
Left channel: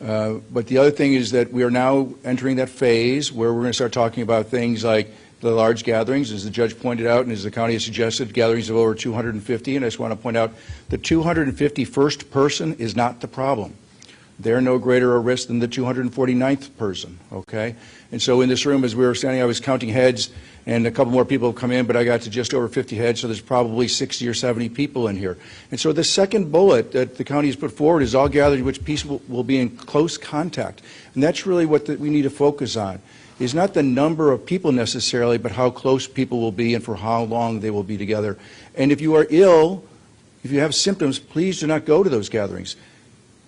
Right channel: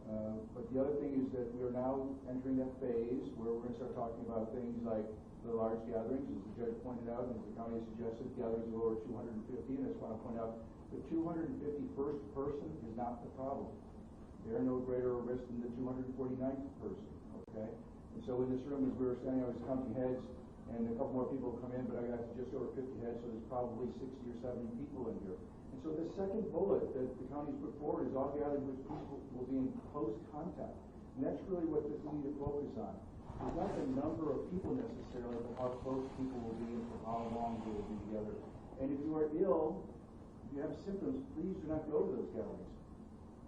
But the other thing is that we are now entering that phase where we're going to start talking about things like the large gatherings, as the judge pointed out, and as the county has suggested, gatherings of over 250. And I just want to point out, the 251st person is not the problem. They're no greater a risk than the 249th person, okay? And so in this room, as we were standing, I was counting heads, and a couple more people have come in, but I got to just over 50 heads, so there's probably 60 or 70 people in here. And so the second bullet that the county has put forward is all gathered in which people will be in close contact. And that's really what we need to focus on, is not the number of people necessarily, but how close people will be and for how long they will be together. And if you are ill, if you have symptoms, please do not go to those gatherings.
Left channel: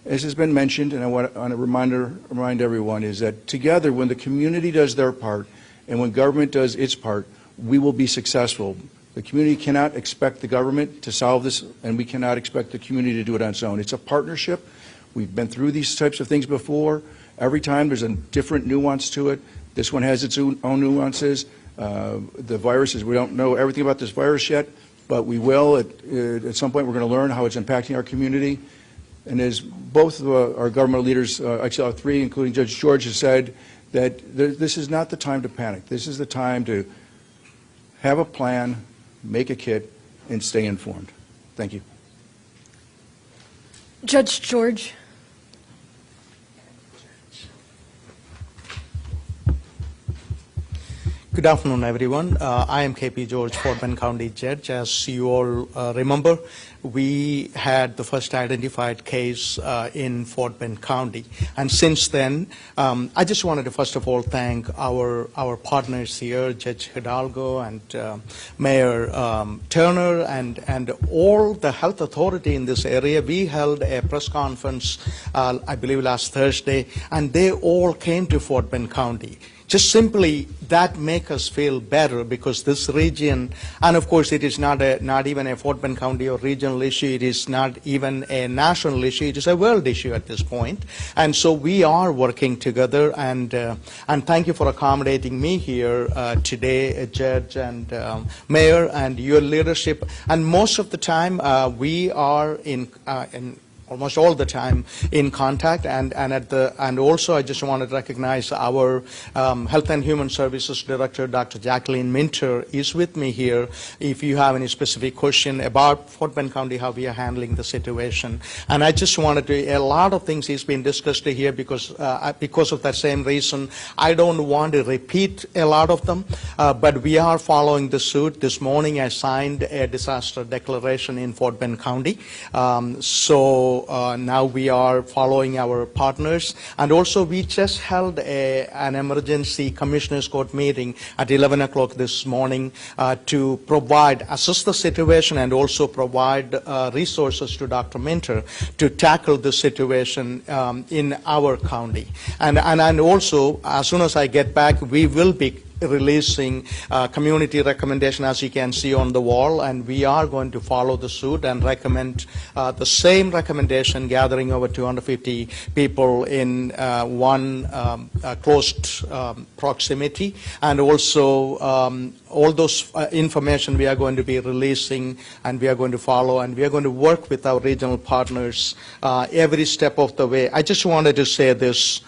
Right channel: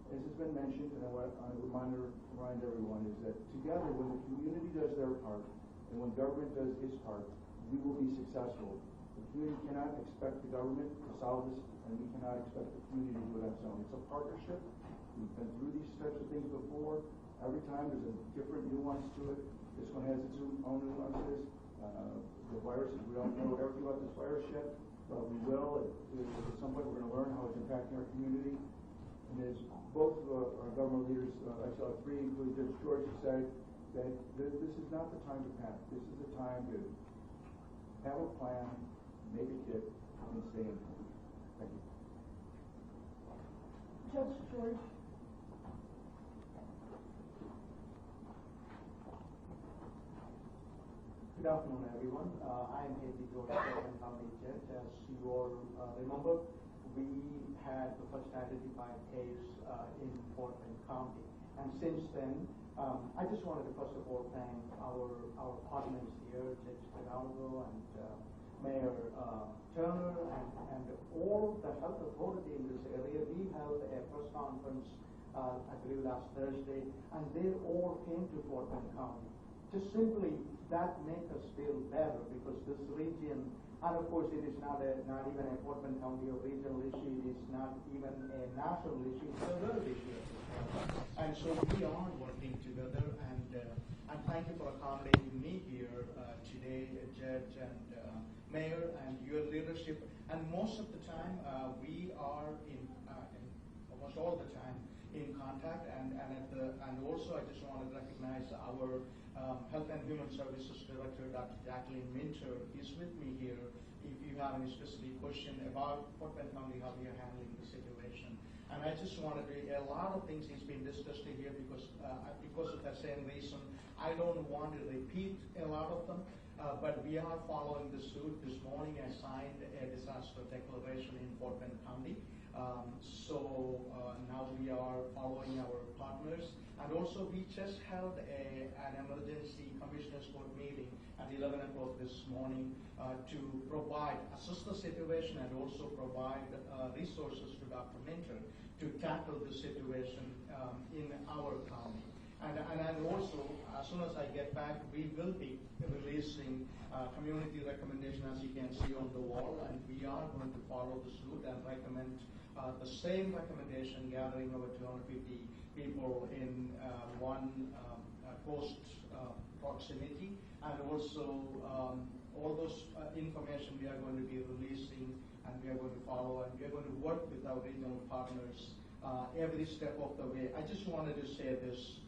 As has been mentioned, and I want to remind everyone, is that together, when the community does their part and when government does its part, we will be successful. The community cannot expect the government to solve this, and we cannot expect the community to do it on its own. It's a partnership. We've been through these types of things before. Every time there's a different nuance to it. This one has its own nuances. The viruses, we don't know everything about this virus yet, but we will. At some point, we're going to learn how it's impacting our community. And as both of our government leaders, actually all three, including Judge George, has said, that this is not the time to panic. This is the time to have a plan, make a kit, and stay informed. Thank you. Judge George. Good afternoon, everyone. I am K.P. George, Fort Bend County Judge. As you all remember, we had the first identified case in Fort Bend County. And since then, I just wanted to first of all thank our partners here, Judge Hidalgo and Mayor Turner and all the health authority in this area. We held a press conference, I believe last Thursday, and they all came to Fort Bend County. just simply that make us feel better, because this region, and of course it is not even a Fort Bend County or regional issue, it is not even a national issue, it is a world issue at this point. And so we are working together, and thank you for accommodating me here today, Judge and Mayor, and your leadership. And most of the time we are in almost all the time in contact, and also I just want to recognize our Health and Human Services Director, Dr. Jacqueline Minter, is with me here. If you have any specific question about Fort Bend County, how we are handling the situation, and I just wanted to, a lot of things is being discussed here because of that same reason. I don't want to repeat a lot of them, but we are following the suit. This morning I signed a disaster declaration in Fort Bend County. Now we are following our partners, and also we just held an emergency commissioners court meeting at 11 o'clock this morning to assess the situation and also provide resources to Dr. Minter to tackle the situation in our county. And also, as soon as I get back, we will be releasing community recommendation, as you can see on the wall, and we are going to follow the suit and recommend the same recommendation, gathering over 250 people in one closed proximity, and also all those information we are going to be releasing, and we are going to follow, and we are going to work with our regional partners every step of the way. I just wanted to say this,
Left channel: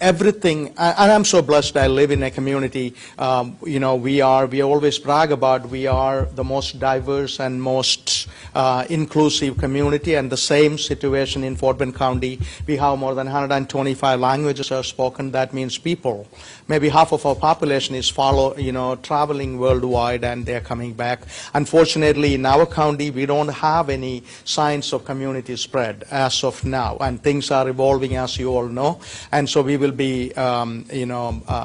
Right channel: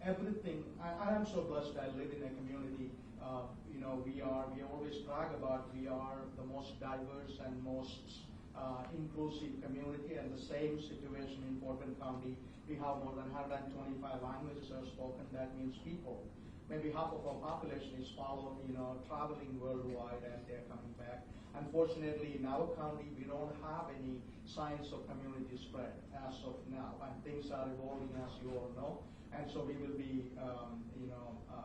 everything, and I'm so blessed I live in a community, we always brag about we are the most diverse and most inclusive community, and the same situation in Fort Bend County. We have more than 125 languages are spoken. That means people, maybe half of our population is traveling worldwide, and they're coming back. Unfortunately, in our county, we don't have any signs of community spread as of now, and things are evolving, as you all know, and so we will be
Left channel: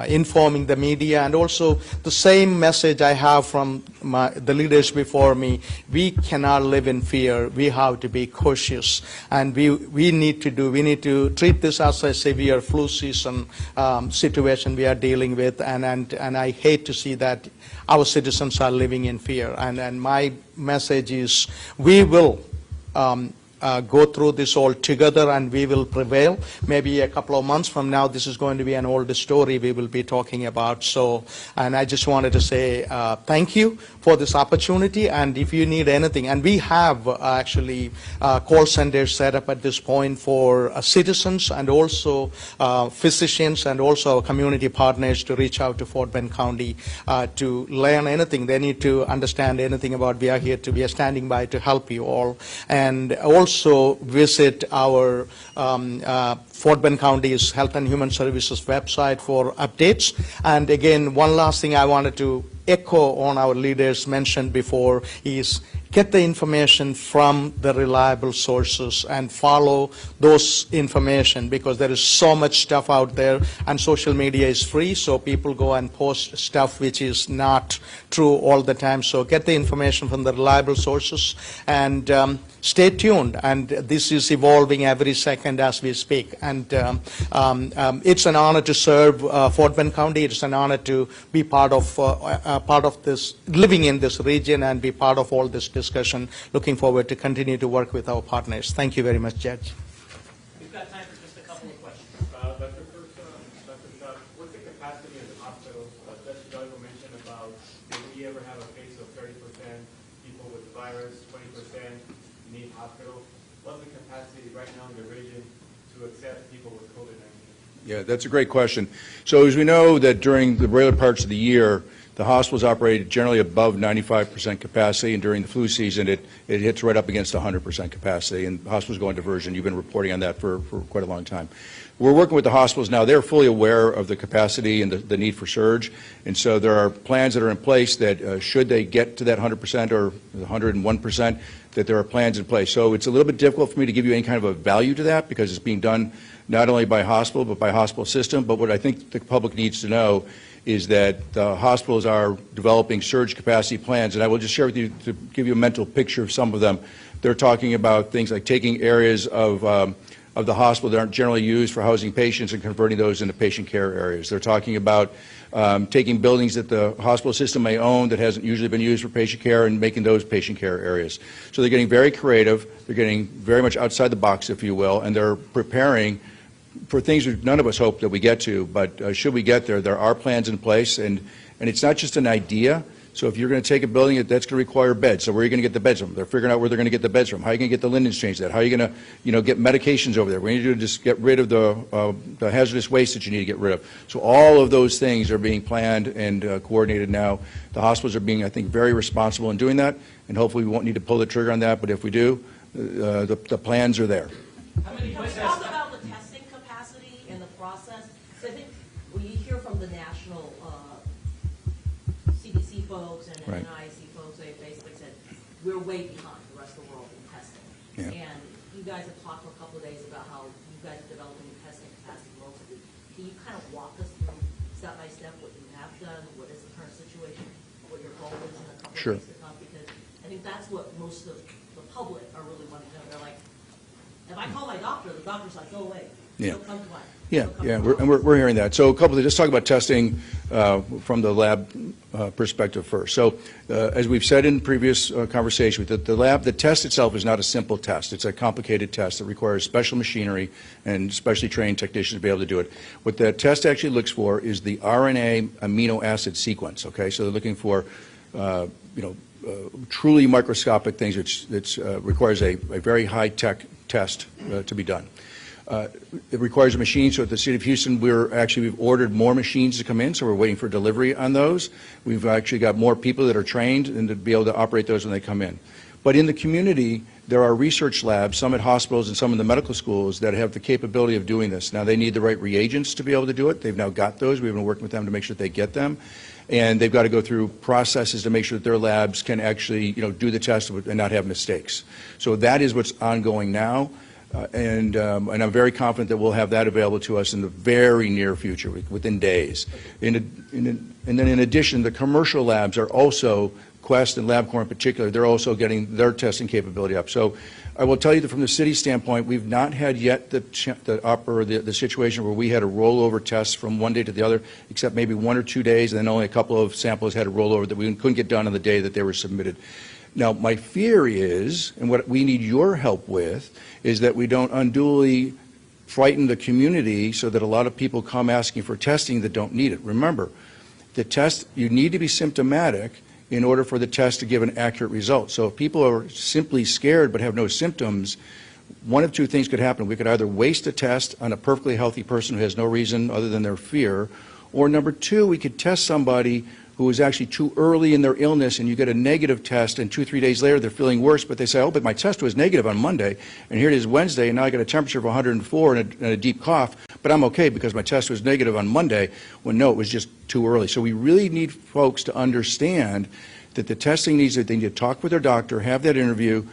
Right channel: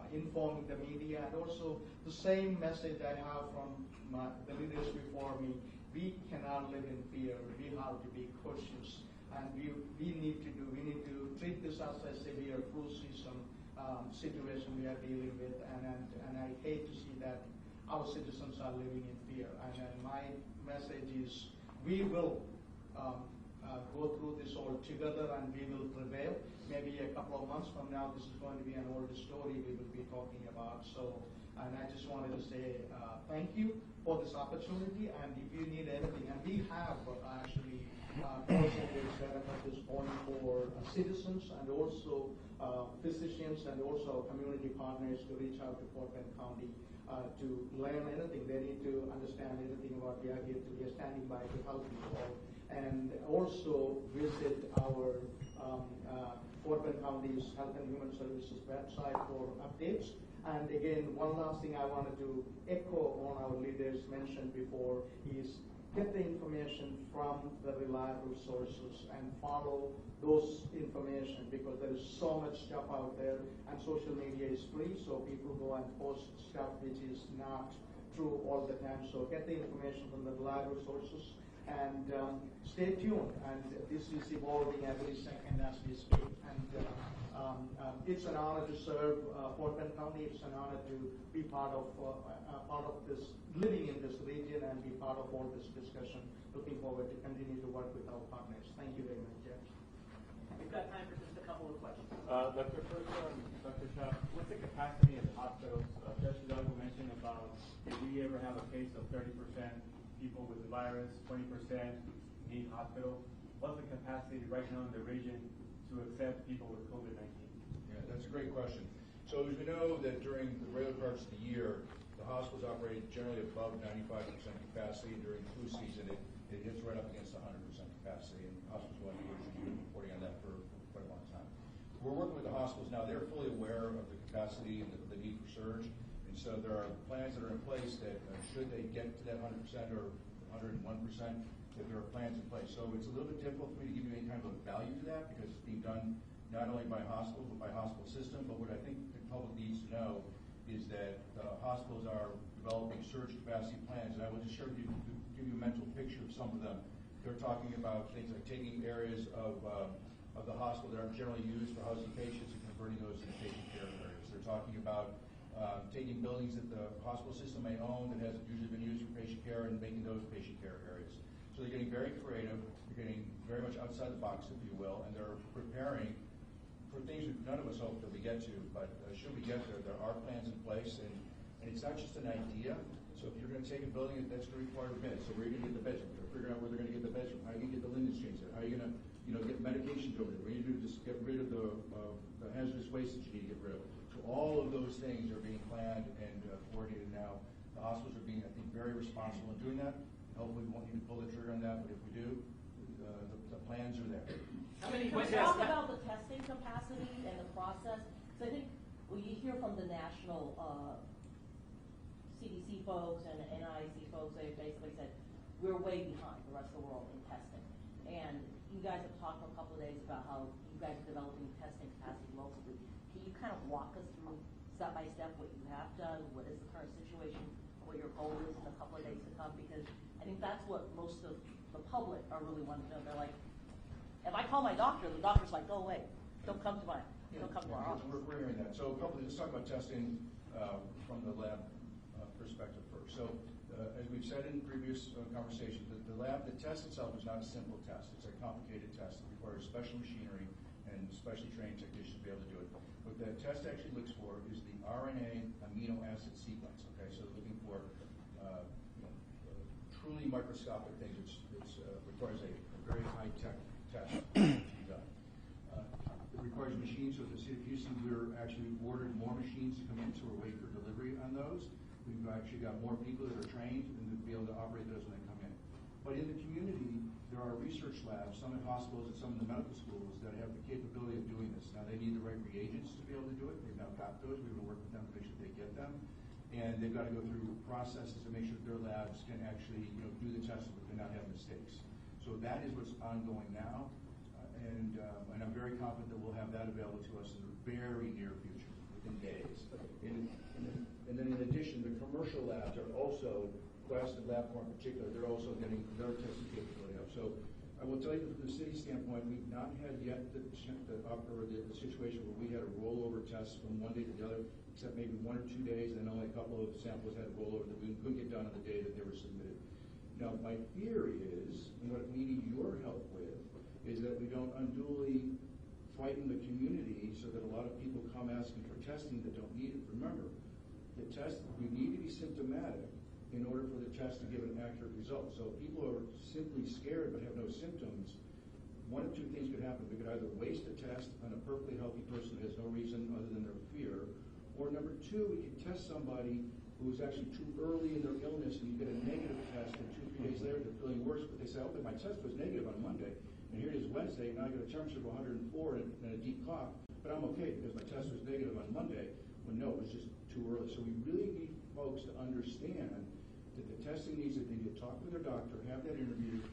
informing the media, and also the same message I have from the leaders before me. We cannot live in fear. We have to be cautious, and we need to treat this as a severe flu season situation we are dealing with, and I hate to see that our citizens are living in fear. And my message is, we will go through this all together, and we will prevail. Maybe a couple of months from now, this is going to be an old story we will be talking about. So, and I just wanted to say thank you for this opportunity, and if you need anything, and we have actually call centers set up at this point for citizens and also physicians and also community partners to reach out to Fort Bend County to learn anything they need to understand anything about. We are standing by to help you all, and also visit our Fort Bend County's Health and Human Services website for updates. And again, one last thing I wanted to echo on our leaders mentioned before is get the information from the reliable sources and follow those information, because there is so much stuff out there, and social media is free, so people go and post stuff which is not true all the time. So get the information from the reliable sources, and stay tuned, and this is evolving every second as we speak. And it's an honor to serve Fort Bend County. It's an honor to be part of this, living in this region, and be part of all this discussion. Looking forward to continue to work with our partners. Thank you very much, Judge. We've got time for just a couple of questions. Dr. Shah, what's the capacity of the hospital? Judge Duggan mentioned about, if we ever have a case of 30% people with the virus, 20% need hospital. What's the capacity right now in the region to accept people with COVID-19? Yeah, that's a great question. So as we know that during the regular parts of the year, the hospitals operate generally above 95% capacity, and during the flu season, it hits right up against 100% capacity, and hospitals go on diversion. You've been reporting on that for quite a long time. We're working with the hospitals now. They're fully aware of the capacity and the need for surge, and so there are plans that are in place that should they get to that 100% or 101%, that there are plans in place. So it's a little bit difficult for me to give you any kind of a value to that, because it's being done not only by hospital but by hospital system. But what I think the public needs to know is that the hospitals are developing surge capacity plans, and I will just share with you to give you a mental picture of some of them. They're talking about things like taking areas of of the hospital that aren't generally used for housing patients and converting those into patient care areas. They're talking about taking buildings that the hospital system may own that hasn't usually been used for patient care and making those patient care areas. So they're getting very creative, they're getting very much outside the box, if you will, and they're preparing for things that none of us hope that we get to, but should we get there, there are plans in place, and it's not just an idea. So if you're going to take a building, that's going to require beds. So where are you going to get the beds from? They're figuring out where they're going to get the beds from. How are you going to get the linens changed? How are you going to, get medications over there? We need to just get rid of the hazardous waste that you need to get rid of. So all of those things are being planned and coordinated now. The hospitals are being, I think, very responsible in doing that, and hopefully we won't need to pull the trigger on that. But if we do, the plans are there. Can we talk about the testing capacity and the process? So I think when you hear from the national CDC folks and Right. NIC folks, they basically said, we're way behind the rest of the world in testing. Yeah. And you guys have talked for a couple of days about how you guys are developing testing capacity locally. Can you kind of walk us through step by step what you have done, what is the current situation, what your goal is in a couple Sure. of weeks to come? Because I think that's what most of the public are really wanting to know. They're like, if I call my doctor, the doctor's like, go away. Yeah. Don't come to mine. Yeah, Don't come yeah, to mine. we're hearing that. So a couple of, just talk about testing from the lab perspective first. So as we've said in previous conversations, the test itself is not a simple test. It's a complicated test that requires special machinery and specially trained technicians to be able to do it. What the test actually looks for is the RNA amino acid sequence, okay? So they're looking for, truly microscopic things, which requires a very high-tech test to be done. It requires a machine, so at the City of Houston, we've ordered more machines to come in, so we're waiting for delivery on those. We've actually got more people that are trained and to be able to operate those when they come in. But in the community, there are research labs, some at hospitals and some in the medical schools, that have the capability of doing this. Now, they need the right reagents to be able to do it. They've now got those. We've been working with them to make sure that they get them. And they've got to go through processes to make sure that their labs can actually, do the test and not have mistakes. So that is what's ongoing now. And I'm very confident that we'll have that available to us in the very near future, within days. And then in addition, the commercial labs are also, Quest and LabCorp in particular, they're also getting their testing capability up. So I will tell you that from the city standpoint, we've not had yet the situation where we had a rollover test from one day to the other, except maybe 1 or 2 days, and then only a couple of samples had a rollover that we couldn't get done on the day that they were submitted. Now, my fear is, and what we need your help with, is that we don't unduly frighten the community so that a lot of people come asking for testing that don't need it. Remember, the test, you need to be symptomatic in order for the test to give an accurate result. So if people are simply scared but have no symptoms, one of two things could happen. We could either waste a test on a perfectly healthy person who has no reason other than their fear, or number two, we could test somebody who is actually too early in their illness, and you get a negative test, and 2 or 3 days later they're feeling worse, but they say, oh, but my test was negative on Monday, and here it is Wednesday, and now I got a temperature of 104 and a deep cough, but I'm okay because my test was negative on Monday, when no, it was just too early. So we really need folks to understand that the testing needs, that they need to talk with their doctor, have that interview,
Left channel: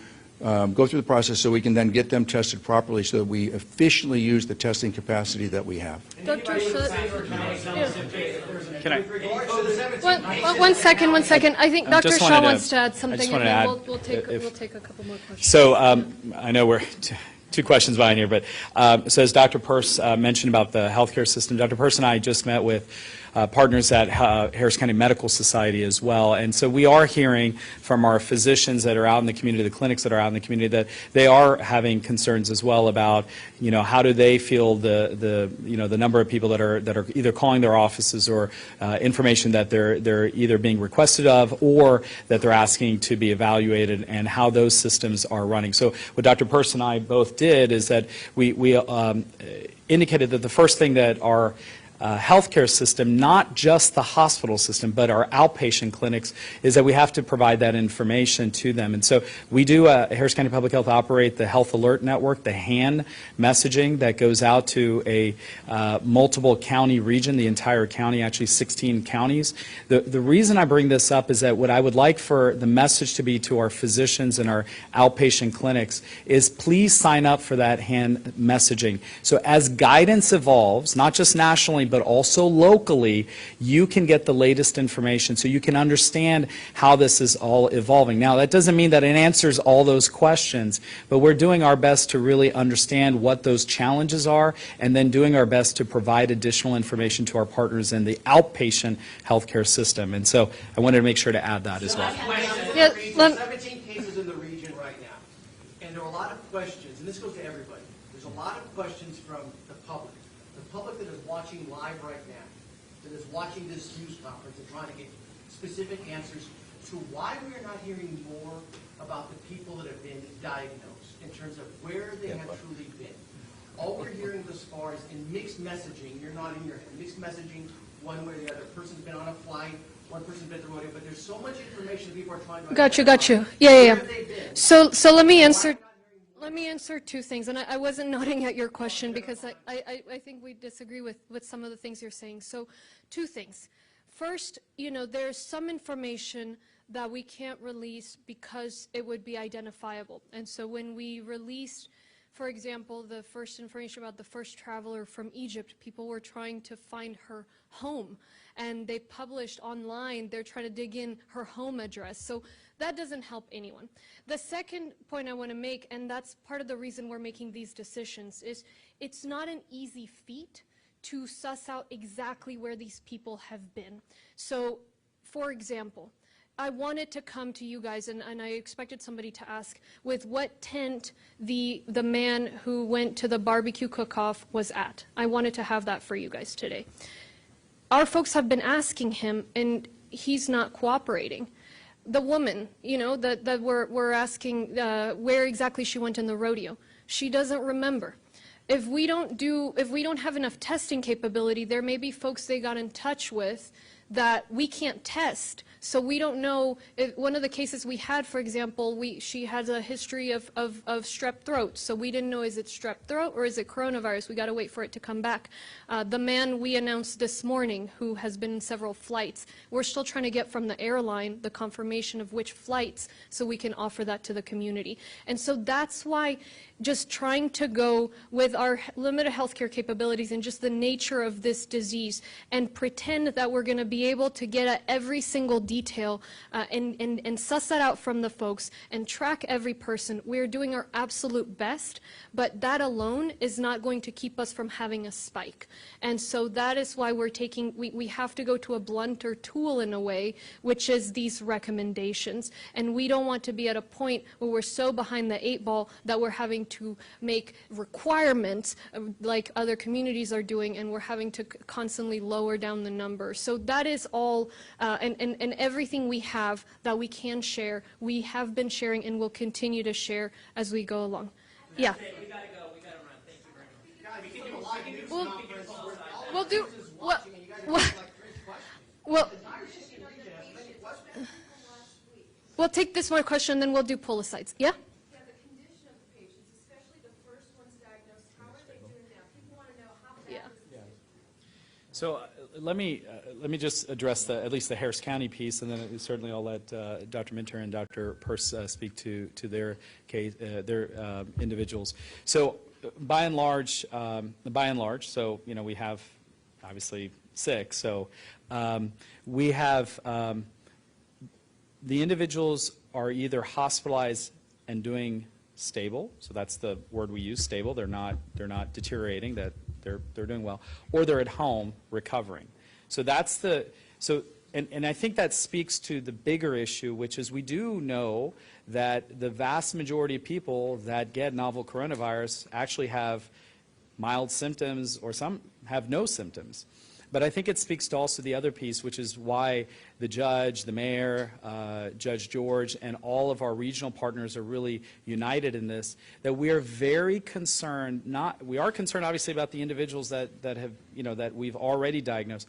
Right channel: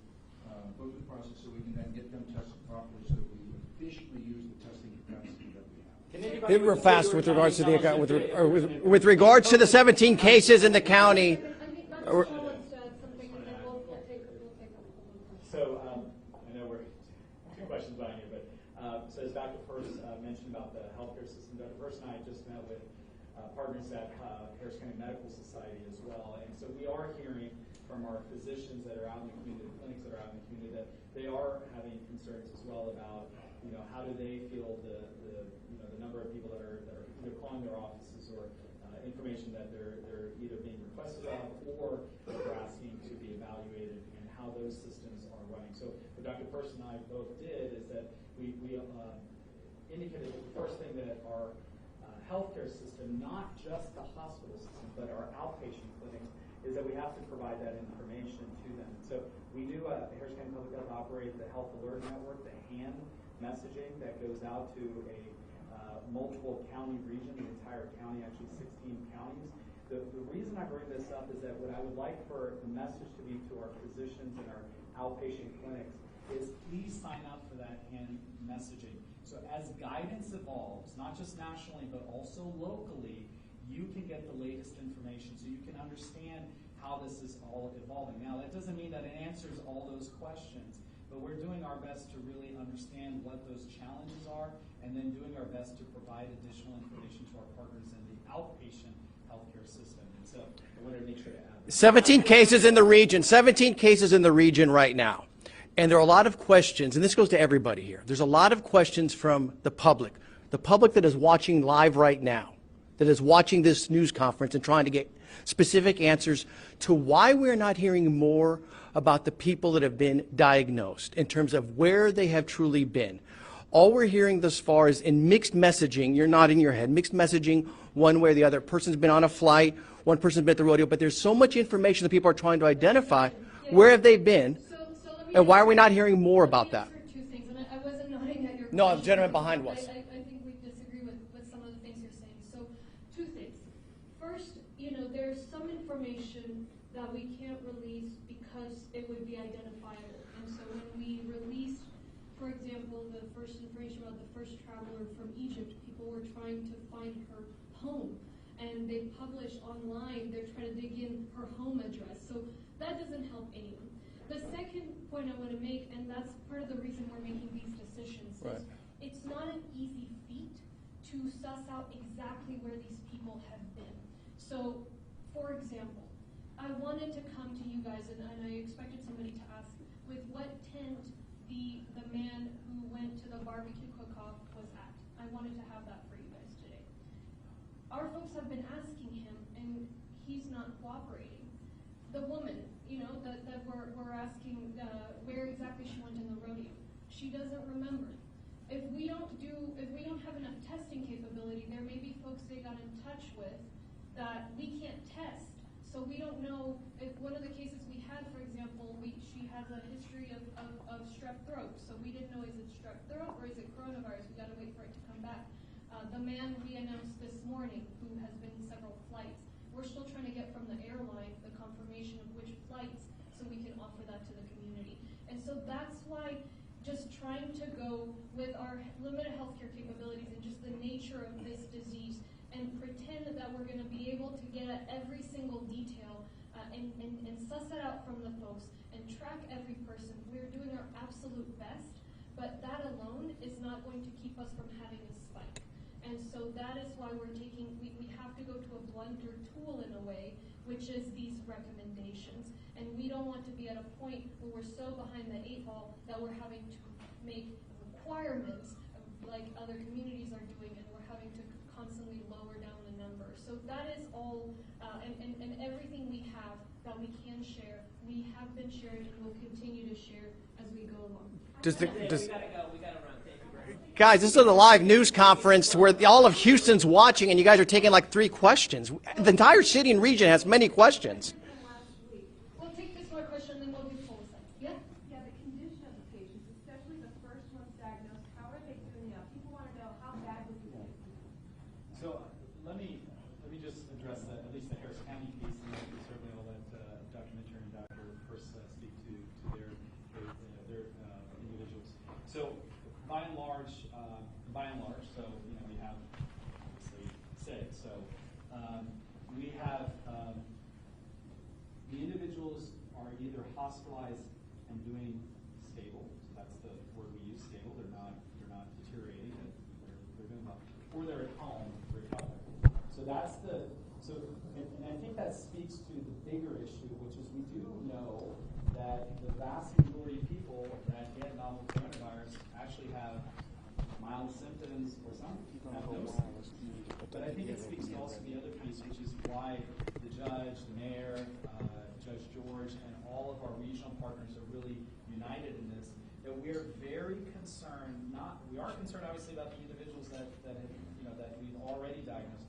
go through the process so we can then get them tested properly so that we efficiently use the testing capacity that we have. Super fast with regards to with regards to the 17 cases in the county. One second. I think Dr. just Shaw wanted to- wants to add I something, just and wanted to then add, we'll take a couple more questions. So I know we're two questions behind here, but so as Dr. Peirce mentioned about the healthcare system, Dr. Peirce and I just met with partners at Harris County Medical Society as well. And so we are hearing from our physicians that are out in the community, the clinics that are out in the community, that they are having concerns as well about, how do they feel the number of people that are either calling their offices or information that they're either being requested of or that they're asking to be evaluated, and how those systems are running. So what Dr. Peirce and I both did is that we indicated that the first thing that our healthcare system, not just the hospital system, but our outpatient clinics, is that we have to provide that information to them. And so we do, Harris County Public Health operate the Health Alert Network, the HAN messaging that goes out to a multiple county region, the entire county, actually 16 counties. The reason I bring this up is that what I would like for the message to be to our physicians and our outpatient clinics is please sign up for that HAN messaging. So as guidance evolves, not just nationally, but also locally, you can get the latest information so you can understand how this is all evolving. Now, that doesn't mean that it answers all those questions, but we're doing our best to really understand what those challenges are and then doing our best to provide additional information to our partners in the outpatient healthcare system. And so I wanted to make sure to add that. 17 cases in the Yeah, region, let- 17 cases in the region right now. And there are a lot of questions, and this goes to everybody here. There's a lot of questions from the public that is watching live right now, that is watching this news conference and trying to get specific answers to why we're not hearing more about the people that have been diagnosed in terms of where they have truly been. All we're hearing thus far is in mixed messaging, you're nodding your head, mixed messaging one way or the other. A person's been on a flight, one person's been at the rodeo, but there's so much information that people are trying to identify. Got you. Yeah, where yeah. have they been? So let me And answer. why are we not hearing more about Let me that? answer two things, and I wasn't nodding at your No, the question gentleman because behind was. I think we disagree with some of the things you're saying. So, two things. First, there's some information that we can't release because it would be identifiable. And so when we released, for example, the first information about the first traveler from Egypt, people were trying to find her home. And they published online, they're trying to dig in her home address. So that doesn't help anyone. The second point I want to make, and that's part of the reason we're making these decisions, is it's not an easy feat to suss out exactly where these people have been. So, for example, I wanted to come to you guys, and I expected somebody to ask, with what tent the man who went to the barbecue cook-off was at. I wanted to have that for you guys today. Our folks have been asking him, and he's not cooperating. The woman, that we're asking where exactly she went in the rodeo, she doesn't remember. If we don't have enough testing capability, there may be folks they got in touch with that we can't test. So we don't know if one of the cases we had, for example, she has a history of strep throat. So we didn't know, is it strep throat or is it coronavirus? We got to wait for it to come back. The man we announced this morning who has been in several flights, we're still trying to get from the airline the confirmation of which flights so we can offer that to the community. And so that's why just trying to go with our limited healthcare capabilities and just the nature of this disease and pretend that we're going to be able to get at every single detail and suss that out from the folks and track every person. We're doing our absolute best, but that alone is not going to keep us from having a spike. And so that is why we have to go to a blunter tool in a way, which is these recommendations. And we don't want to be at a point where we're so behind the 8 ball that we're having to make requirements like other communities are doing, and we're having to constantly lower down the number. So that is all, and everything we have that we can share, we have been sharing and will continue to share as we go along. Guys, this is a live news conference where all of Houston's watching, and you guys are taking like 3 questions. The entire city and region has many questions. We'll take this one question, then we'll do pull asides. Yeah? Yeah, the condition of the patients, especially the first ones diagnosed, how are they doing now? People want to know how bad is the situation. So let me just address at least the Harris County piece, and then certainly I'll let Dr. Minter and Dr. Peirce speak to their case, their individuals. So by and large, so we have obviously 6. So we have the individuals are either hospitalized and doing stable, so that's the word we use, stable. They're not deteriorating. That they're doing well, or they're at home recovering. So that's and I think that speaks to the bigger issue, which is we do know that the vast majority of people that get novel coronavirus actually have mild symptoms, or some have no symptoms. But I think it speaks to also the other piece, which is why the judge, the mayor, Judge George, and all of our regional partners are really united in this, that we are very concerned, we are concerned obviously about the individuals that have, that we've already diagnosed,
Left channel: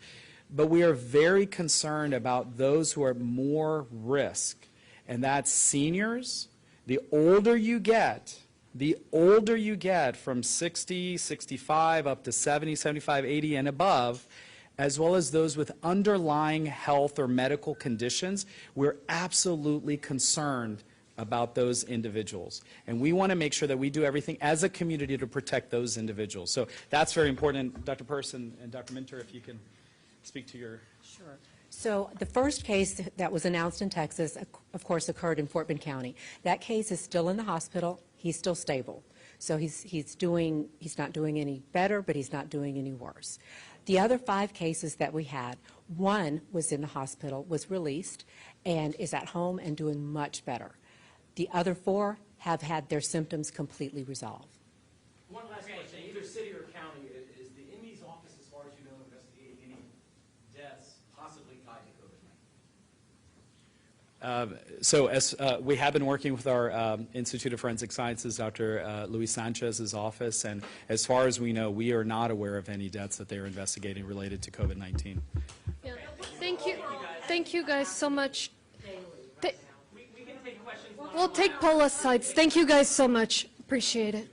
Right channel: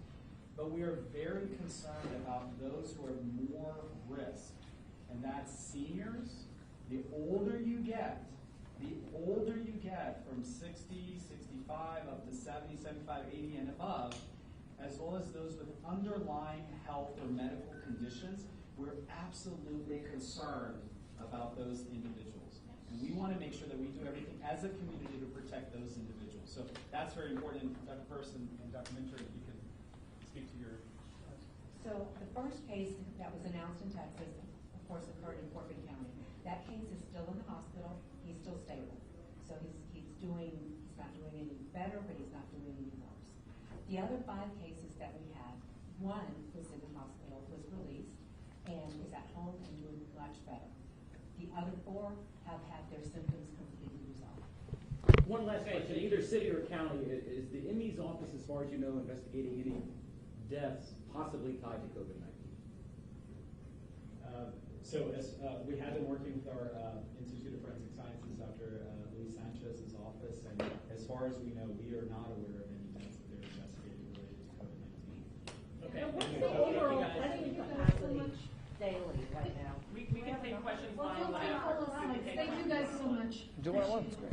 but we are very concerned about those who are at more risk, and that's seniors. The older you get from 60, 65 up to 70, 75, 80 and above, as well as those with underlying health or medical conditions, we're absolutely concerned about those individuals. And we want to make sure that we do everything as a community to protect those individuals. So that's very important. And Dr. Peirce and Dr. Minter, if you can speak to your... Sure. So the first case that was announced in Texas, of course, occurred in Fort Bend County. That case is still in the hospital. He's still stable. So he's not doing any better, but he's not doing any worse. The other 5 cases that we had, one was in the hospital, was released, and is at home and doing much better. The other 4 have had their symptoms completely resolved. One last question, either city or county, is the ME's office, as far as you know, investigating any deaths possibly tied to COVID-19? We have been working with our Institute of Forensic Sciences, Dr. Luis Sanchez's office, and as far as we know, we are not aware of any deaths that they're investigating related to COVID-19. Yeah. Thank you guys so much. We can take questions. We'll take Paula's sides. Thank you guys so much. Appreciate it.